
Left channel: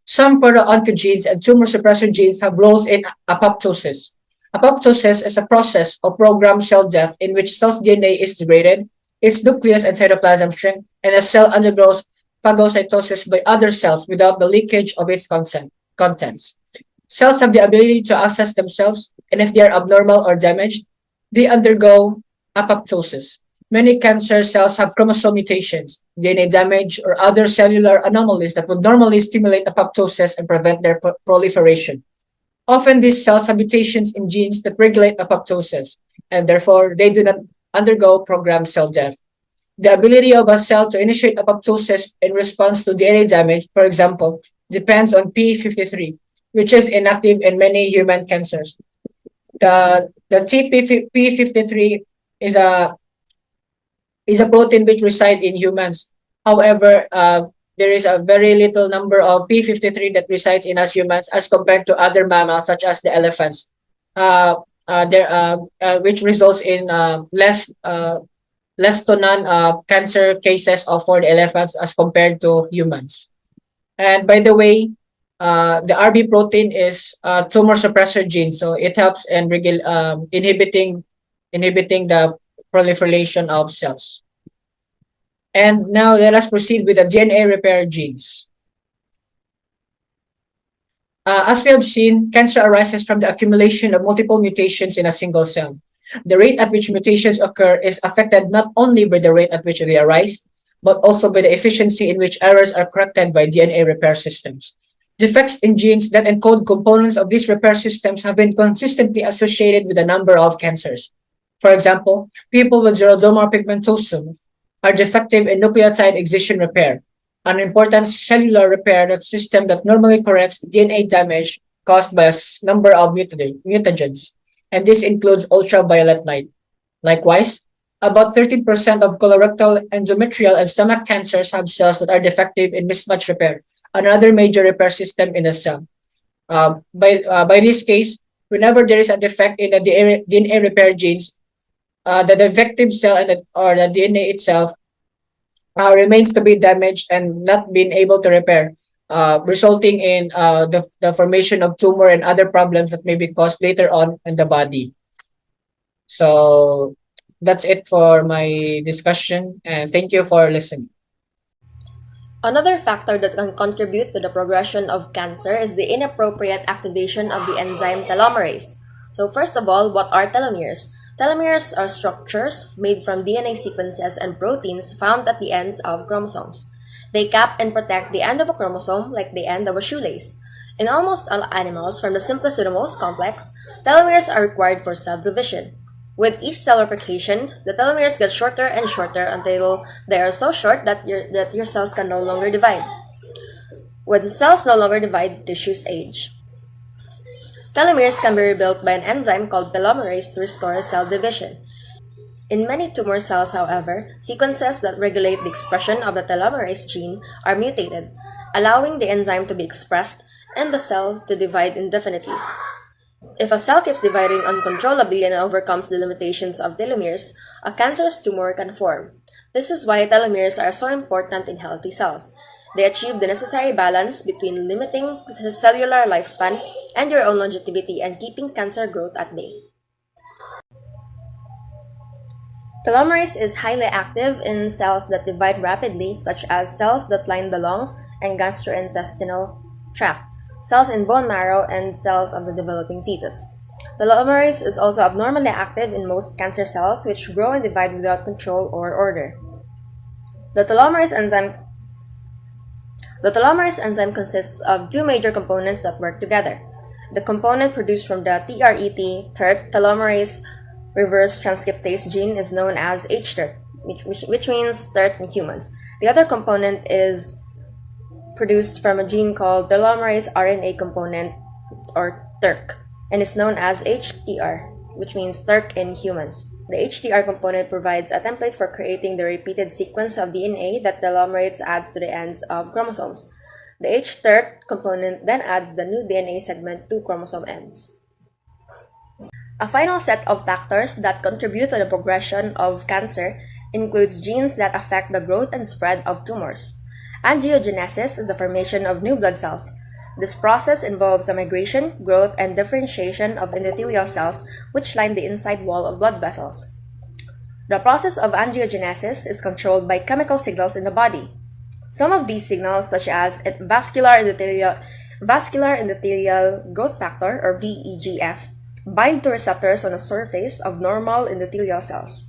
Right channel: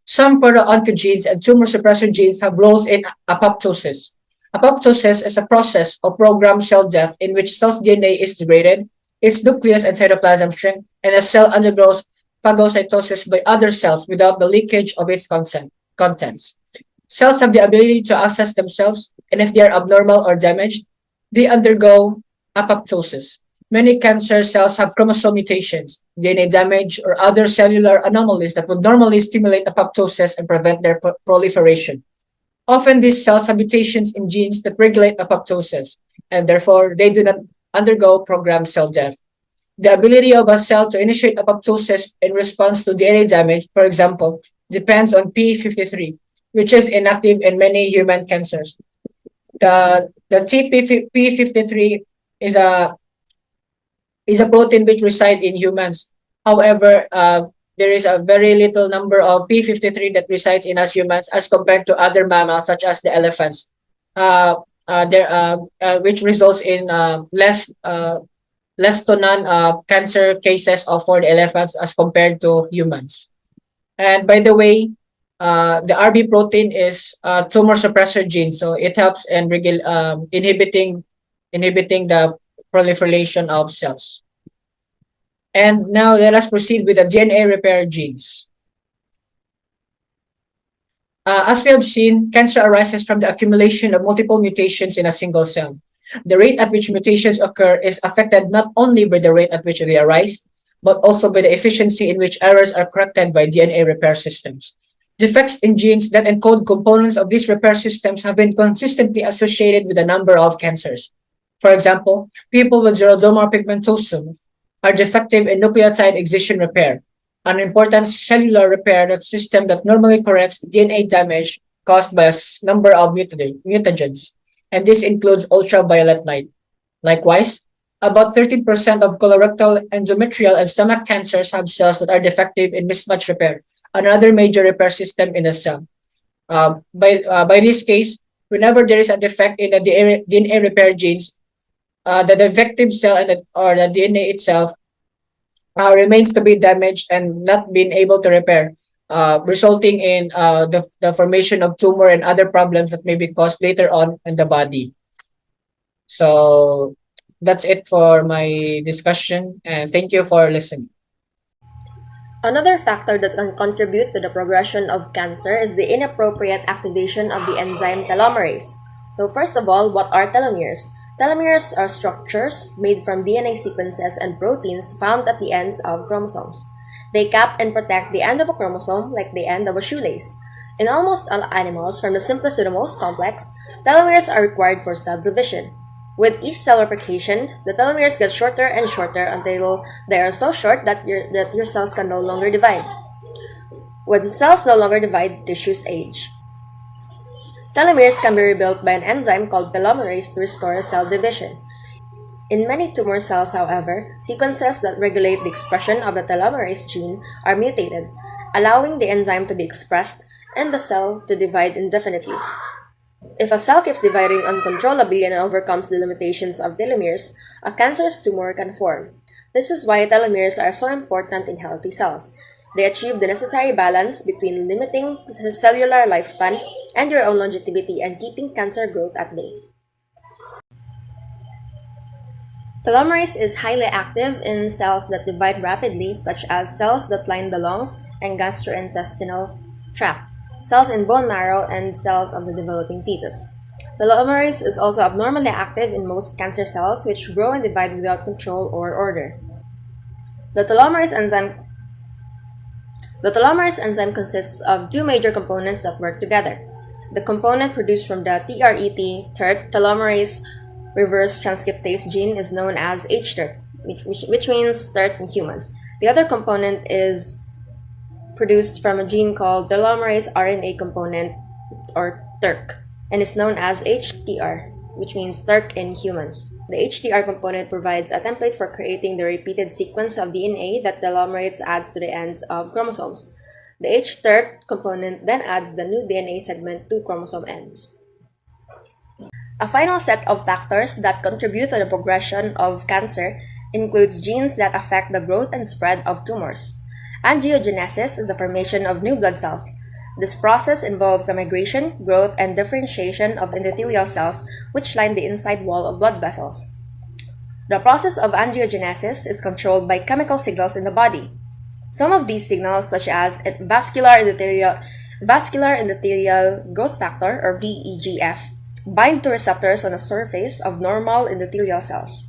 Some proto-oncogenes and tumor suppressor genes have roles in apoptosis. Apoptosis is a process of programmed cell death in which cell's DNA is degraded, its nucleus and cytoplasm shrink, and a cell undergoes phagocytosis by other cells without the leakage of its contents. Cells have the ability to access themselves, and if they are abnormal or damaged, they undergo apoptosis. Many cancer cells have chromosome mutations, DNA damage, or other cellular anomalies that would normally stimulate apoptosis and prevent their proliferation. Often, these cells have mutations in genes that regulate apoptosis, and therefore they do not undergo programmed cell death. The ability of a cell to initiate apoptosis in response to DNA damage, for example, depends on P53, which is inactive in many human cancers. The TP53 is a protein which resides in humans. However, there is a very little number of P53 that resides in us humans as compared to other mammals such as the elephants, which results in less to none cancer cases of for the elephants as compared to humans. And by the way, the RB protein is a tumor suppressor gene, so it helps in inhibiting the proliferation of cells. And now let us proceed with the DNA repair genes. As we have seen, cancer arises from the accumulation of multiple mutations in a single cell. The rate at which mutations occur is affected not only by the rate at which they arise, but also by the efficiency in which errors are corrected by DNA repair systems. Defects in genes that encode components of these repair systems have been consistently associated with a number of cancers. For example, people with xeroderma pigmentosum are defective in nucleotide excision repair, an important cellular repair system that normally corrects DNA damage caused by a number of mutagens, and this includes ultraviolet light. Likewise, about 13% of colorectal, endometrial, and stomach cancers have cells that are defective in mismatch repair, another major repair system in a cell. By this case, whenever there is a defect in the DNA repair genes, the defective cell or the DNA itself remains to be damaged and not being able to repair, resulting in the formation of tumor and other problems that may be caused later on in the body. So that's it for my discussion, and thank you for listening. Another factor that can contribute to the progression of cancer is the inappropriate activation of the enzyme telomerase. So first of all, what are telomeres? Telomeres are structures made from DNA sequences and proteins found at the ends of chromosomes. They cap and protect the end of a chromosome like the end of a shoelace. In almost all animals, from the simplest to the most complex, telomeres are required for cell division. With each cell replication, the telomeres get shorter and shorter until they are so short that your cells can no longer divide. When cells no longer divide, tissues age. Telomeres can be rebuilt by an enzyme called telomerase to restore cell division. In many tumor cells, however, sequences that regulate the expression of the telomerase gene are mutated, allowing the enzyme to be expressed and the cell to divide indefinitely. If a cell keeps dividing uncontrollably and overcomes the limitations of telomeres, a cancerous tumor can form. This is why telomeres are so important in healthy cells. They achieve the necessary balance between limiting the cellular lifespan and your own longevity and keeping cancer growth at bay. Telomerase is highly active in cells that divide rapidly, such as cells that line the lungs and gastrointestinal tract, cells in bone marrow, and cells of the developing fetus. Telomerase is also abnormally active in most cancer cells, which grow and divide without control or order. The telomerase enzyme consists of two major components that work together. The component produced from the TRET, telomerase reverse transcriptase gene, is known as hTERT, which means TERT in humans. The other component is produced from a gene called telomerase RNA component, or TERK, and is known as HTR, which means TERK in humans. The HTR component provides a template for creating the repeated sequence of DNA that telomerase adds to the ends of chromosomes. The hTERT component then adds the new DNA segment to chromosome ends. A final set of factors that contribute to the progression of cancer includes genes that affect the growth and spread of tumors. Angiogenesis is the formation of new blood cells. This process involves the migration, growth, and differentiation of endothelial cells which line the inside wall of blood vessels. The process of angiogenesis is controlled by chemical signals in the body. Some of these signals, such as vascular endothelial growth factor, or VEGF, bind to receptors on the surface of normal endothelial cells.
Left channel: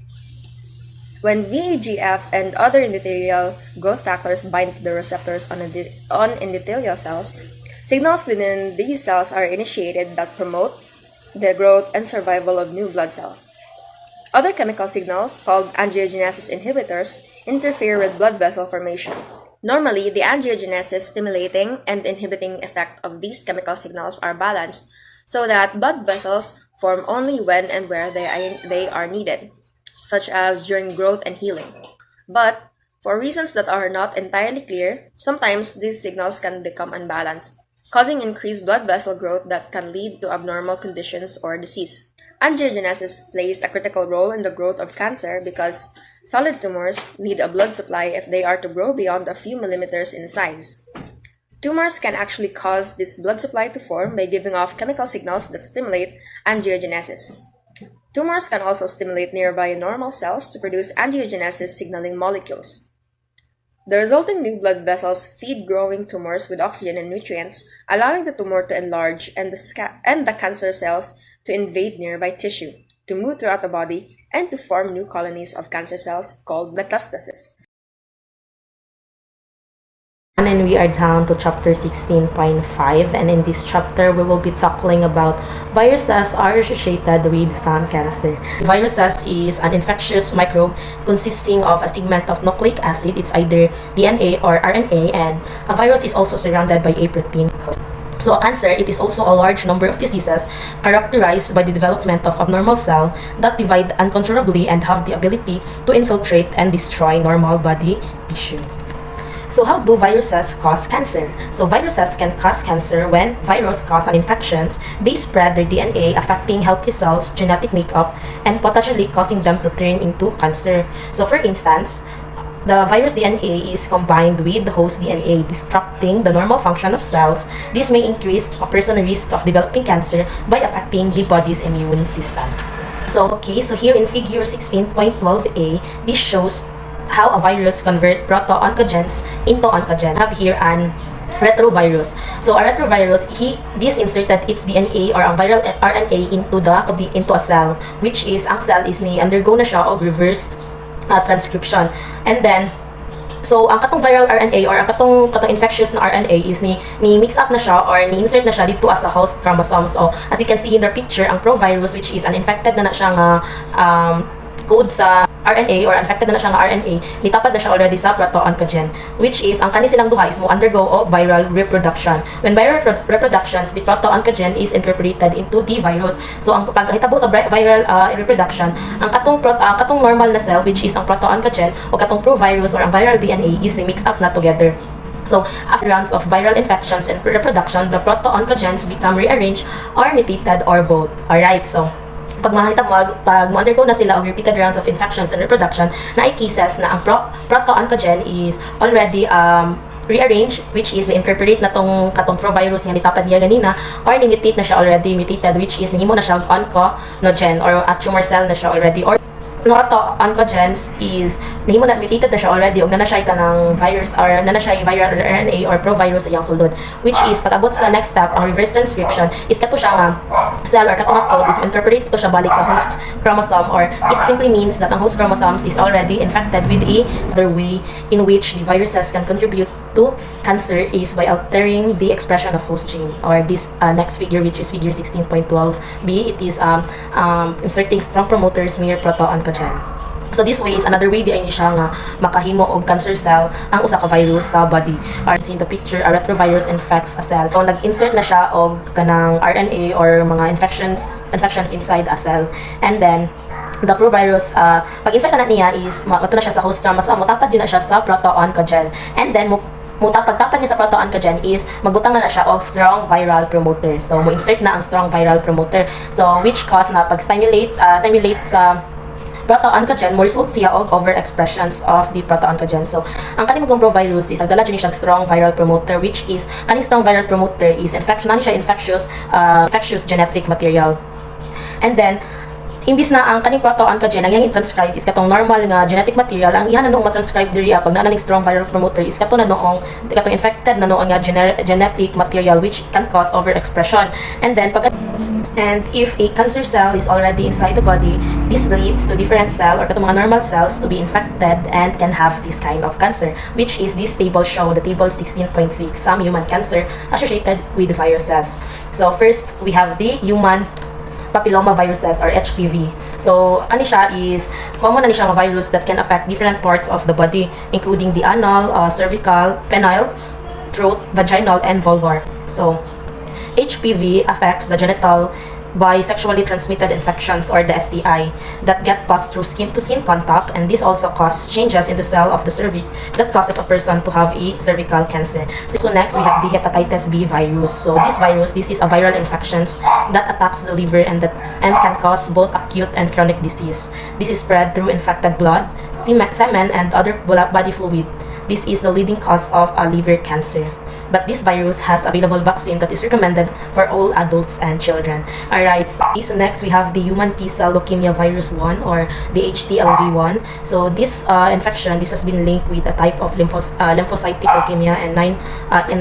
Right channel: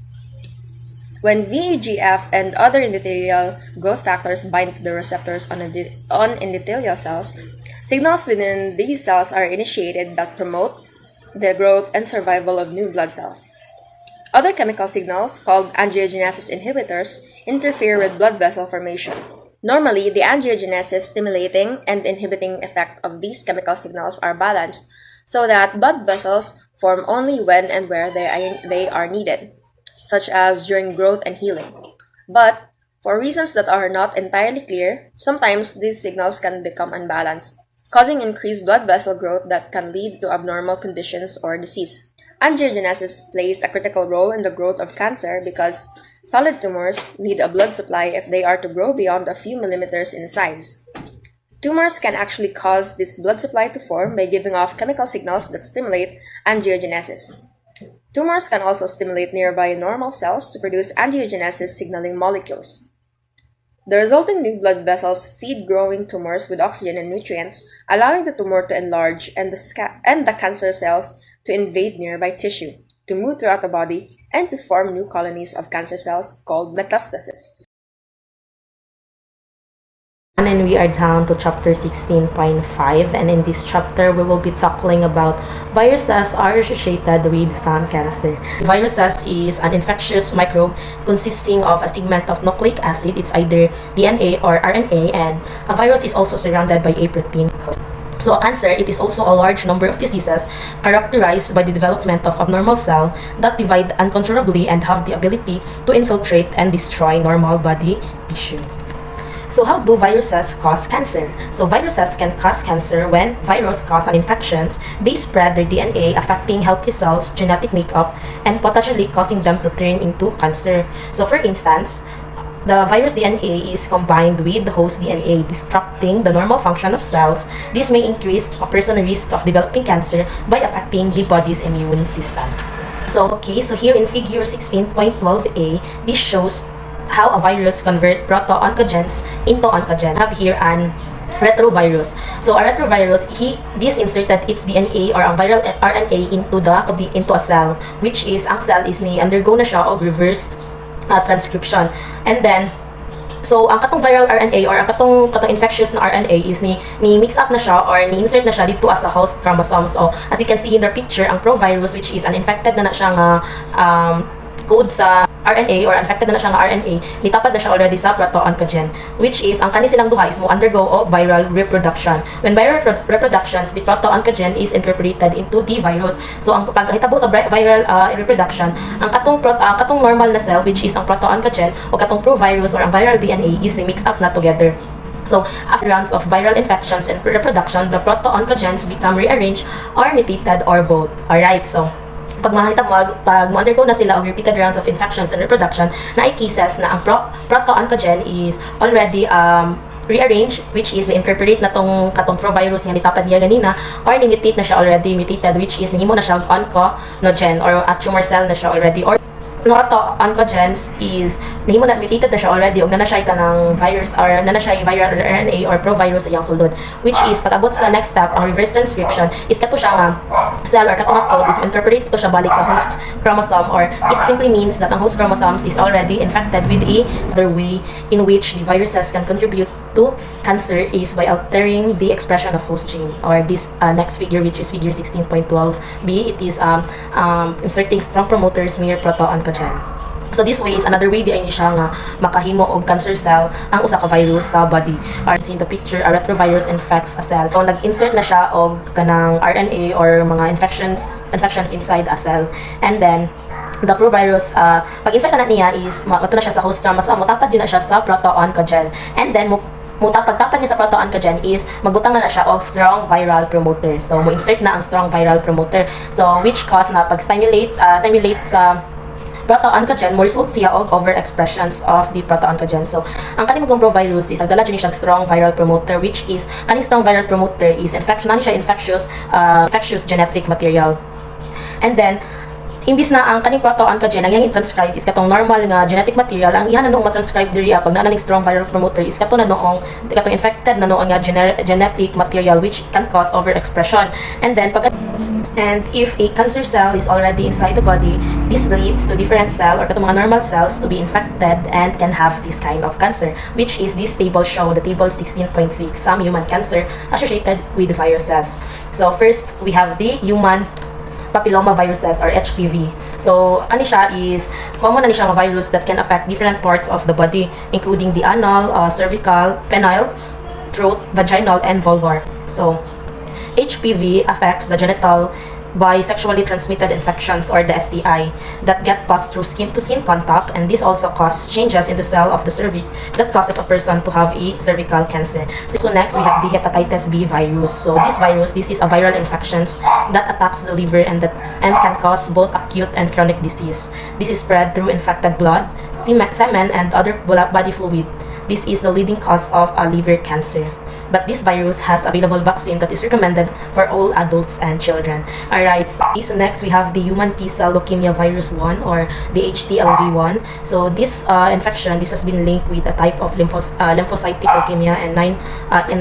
When VEGF and other endothelial growth factors bind to the receptors on endothelial cells, signals within these cells are initiated that promote the growth and survival of new blood cells. Other chemical signals, called angiogenesis inhibitors, interfere with blood vessel formation. Normally, the angiogenesis stimulating and inhibiting effect of these chemical signals are balanced so that blood vessels form only when and where they are needed, such as during growth and healing. But, for reasons that are not entirely clear, sometimes these signals can become unbalanced, causing increased blood vessel growth that can lead to abnormal conditions or disease. Angiogenesis plays a critical role in the growth of cancer because solid tumors need a blood supply if they are to grow beyond a few millimeters in size. Tumors can actually cause this blood supply to form by giving off chemical signals that stimulate angiogenesis. Tumors can also stimulate nearby normal cells to produce angiogenesis signaling molecules. The resulting new blood vessels feed growing tumors with oxygen and nutrients, allowing the tumor to enlarge and the cancer cells to invade nearby tissue, to move throughout the body, and to form new colonies of cancer cells called metastasis. And we are down to chapter 16.5, and in this chapter we will be tackling about viruses are associated with some cancer. Viruses is an infectious microbe consisting of a segment of nucleic acid. It's either DNA or RNA, and a virus is also surrounded by a protein. So cancer, it is also a large number of diseases characterized by the development of abnormal cells that divide uncontrollably and have the ability to infiltrate and destroy normal body tissue. So how do viruses cause cancer? So viruses can cause cancer when virus cause an infections. They spread their DNA, affecting healthy cells' genetic makeup and potentially causing them to turn into cancer. So for instance, the virus DNA is combined with the host DNA, disrupting the normal function of cells. This may increase a person's risk of developing cancer by affecting the body's immune system. So here in figure 16.12a, this shows how a virus convert proto-oncogenes into oncogen. I have here an retrovirus. So a retrovirus, this inserted its DNA or a viral RNA into a cell, which is ang cell is ni undergo na siya og reverse transcription. And then so ang katong viral RNA or ang katong infectious na RNA is ni mix up na siya or ni insert na siya dito as a host chromosome. So as you can see in the picture, ang provirus, which is an infected na siya nga code sa RNA or infected na siya nga RNA, nitapad na siya already sa proto-oncogen, which is ang kani silang duha is mo undergo og viral reproduction. When viral reproductions, the proto-oncogen is incorporated into the virus. So ang paghitabo sa viral reproduction, ang katong normal na cell, which is ang proto-oncogen, o katong provirus or ang viral DNA is ni-mix up na together. So, after rounds of viral infections and reproduction, the proto-oncogens become rearranged or mutated or both. Alright, so pag ma-undergo na sila og repeated rounds of infections and reproduction, na ay cases na ang proto-oncogen is already rearranged, which is na-incorporate na katong provirus nga nitapad niya ganina, or ni-mutate na siya already, mutated, which is nahimo na siya oncogen or a tumor cell na siya already, or proto-oncogens is nahimo na mutated na siya already og nanashay ka ng virus or nanashay viral RNA or provirus sa iyang sulod, which is pag-abot sa next step, ang reverse transcription is kato siya nga cell or katong code is incorporate to siya balik sa host chromosome, or it simply means that ang host chromosomes is already infected with a other way in which the viruses can contribute to cancer is by altering the expression of host gene, or this next figure, which is figure 16.12b. It is inserting strong promoters near proto-oncogen. So this way is another way di ay siya nga makahimo og cancer cell ang usa ka virus sa body. Or in the picture, a retrovirus infects a cell. So nag-insert na siya og kanang RNA or mga infections inside a cell, and then the provirus, pag-insert na niya is mato na siya sa host chromosome, mutapad din na siya sa proto-oncogen, and then pagtapad niya sa proto-oncogen is magbutang na siya og strong viral promoter. So mo insert na ang strong viral promoter, so which cause na pag-stimulate sa proto-oncogen, mo result siya og overexpressions of the proto-oncogen. So ang kaning provirus is nagdala dyan siya strong viral promoter, which is kaning strong viral promoter is infectious genetic material. And then imbis na ang kaning proto-oncogen ang iyang transcribe is katong normal nga genetic material, ang iyan na noong matranscribe diri pag naa ning strong viral promoter is katong infected na noong nga genetic material, which can cause overexpression. And then pag And if a cancer cell is already inside the body, this leads to different cell or to mga normal cells to be infected and can have this kind of cancer, which is this table show, the table 16.6, some human cancer associated with viruses. So first, we have the human papilloma viruses or HPV. So, ano siya is, common na siya virus that can affect different parts of the body, including the anal, cervical, penile, throat, vaginal, and vulvar. So, HPV affects the genital by sexually transmitted infections or the STI that get passed through skin-to-skin contact, and this also causes changes in the cell of the cervix that causes a person to have a cervical cancer. So next we have the hepatitis B virus. So this is a viral infection that attacks the liver and can cause both acute and chronic disease. This is spread through infected blood, semen, and other body fluid. This is the leading cause of a liver cancer. But this virus has available vaccine that is recommended for all adults and children. Alright, so next we have the human T-cell leukemia virus 1 or the HTLV1. So this infection, this has been linked with a type of lymphocytic leukemia and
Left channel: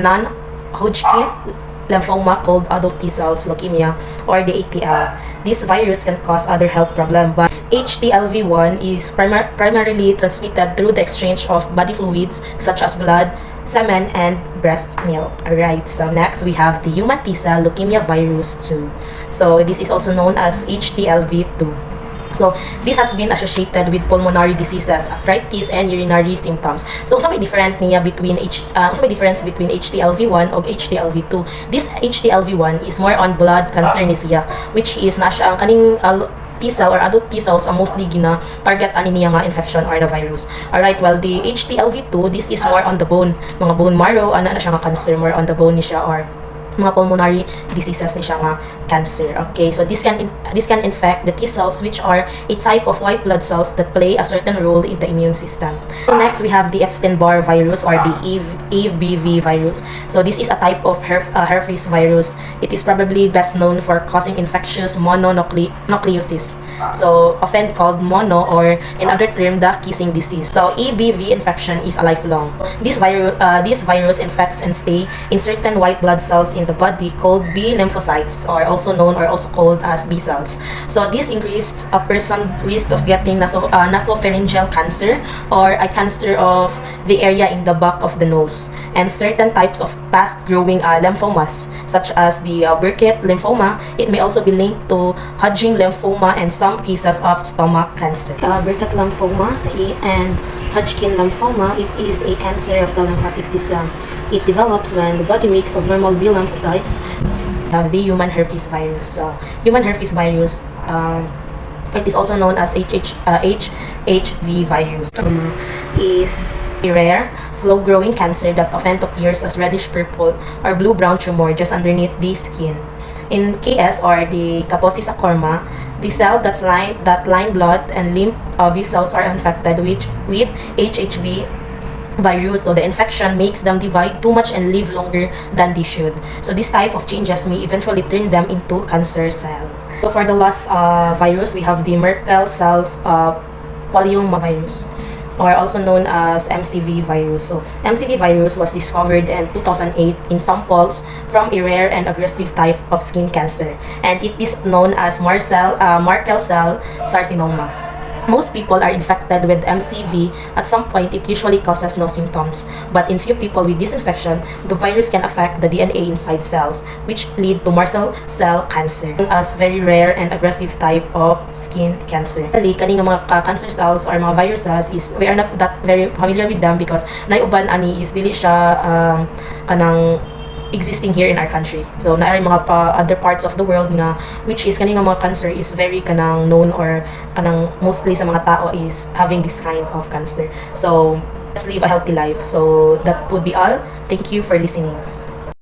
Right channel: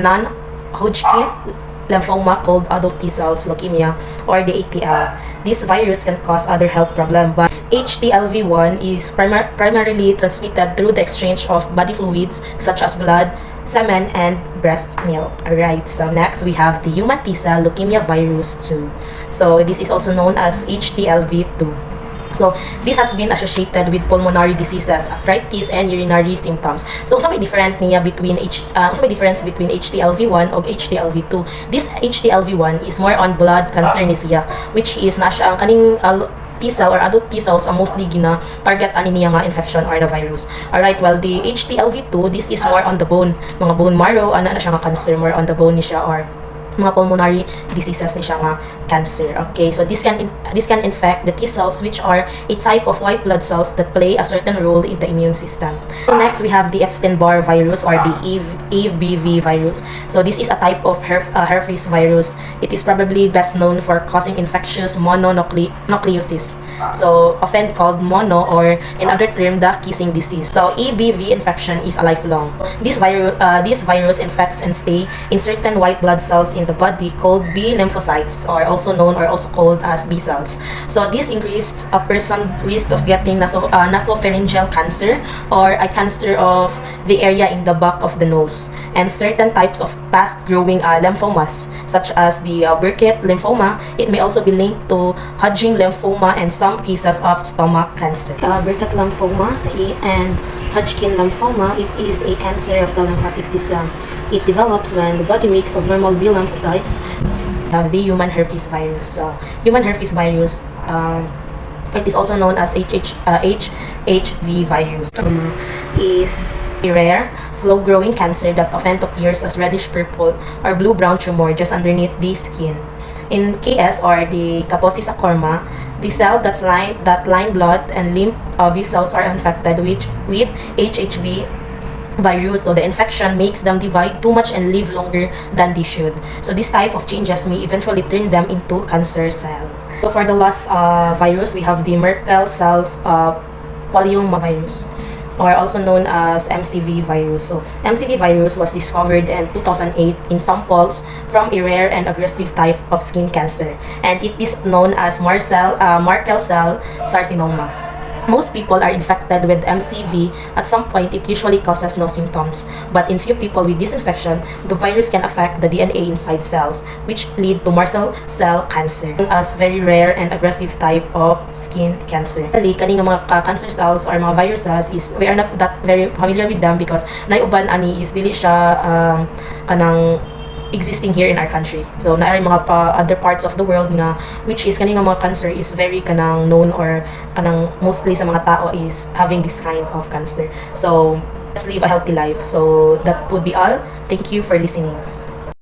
non-Hodgkin lymphoma called adult T-cells leukemia or the ATL. This virus can cause other health problems, but HTLV1 is primarily transmitted through the exchange of body fluids such as blood, semen, and breast milk. Alright, so next we have the human T-cell leukemia virus 2. So this is also known as HTLV2. So this has been associated with pulmonary diseases, arthritis, and urinary symptoms. So may difference between HTLV1 or HTLV2. This HTLV1 is more on blood cancer ni siya, which is na siya ang kaning T-cell or adult T-cells are mostly target ani niya nga infection or the virus. Alright, well the HTLV2, this is more on the bone, mga bone marrow, ana na siya nga cancer, more on the bone ni siya, or mga pulmonary diseases ni siya nga cancer. Okay, so this can infect the T-cells, which are a type of white blood cells that play a certain role in the immune system. So next we have the Epstein-Barr virus or the EBV virus. So this is a type of herpes virus. It is probably best known for causing infectious mononucleosis, so often called mono, or in other term, the kissing disease. So EBV infection is a lifelong. This virus infects and stay in certain white blood cells in the body called B lymphocytes, or also known or also called as B cells. So this increased a person's risk of getting nasopharyngeal cancer, or a cancer of the area in the back of the nose, and certain types of fast-growing lymphomas such as the Burkitt lymphoma. It may also be linked to Hodgkin lymphoma and some cases of stomach cancer. Burkitt lymphoma and Hodgkin lymphoma, it is a cancer of the lymphatic system. It develops when the body makes abnormal B lymphocytes. The human herpes virus. So, human herpes virus, it is also known as HHV virus. Is a rare, slow-growing cancer that often appears as reddish-purple or blue-brown tumor just underneath the skin. In KS or the Kaposi sarcoma, the cell that line blood and lymph vessels are infected with HHV virus, so the infection makes them divide too much and live longer than they should. So this type of changes may eventually turn them into cancer cell. So for the last virus, we have the Merkel cell polyomavirus, or also known as MCV virus. So MCV virus was discovered in 2008 in samples from a rare and aggressive type of skin cancer, and it is known as Merkel cell carcinoma. Most people are infected with MCV. At some point, it usually causes no symptoms, but in few people with this infection, the virus can affect the DNA inside cells, which lead to Merkel cell cancer, as very rare and aggressive type of skin cancer. Kaning mga cancer cells or mga viruses is we are not that very familiar with them because naiuban ani is dili siya kanang existing here in our country. So na mga other parts of the world nga which is kaning mga cancer is very kanang known, or kanang mostly sa mga tao is having this kind of cancer. So let's live a healthy life. So that would be all. Thank you for listening.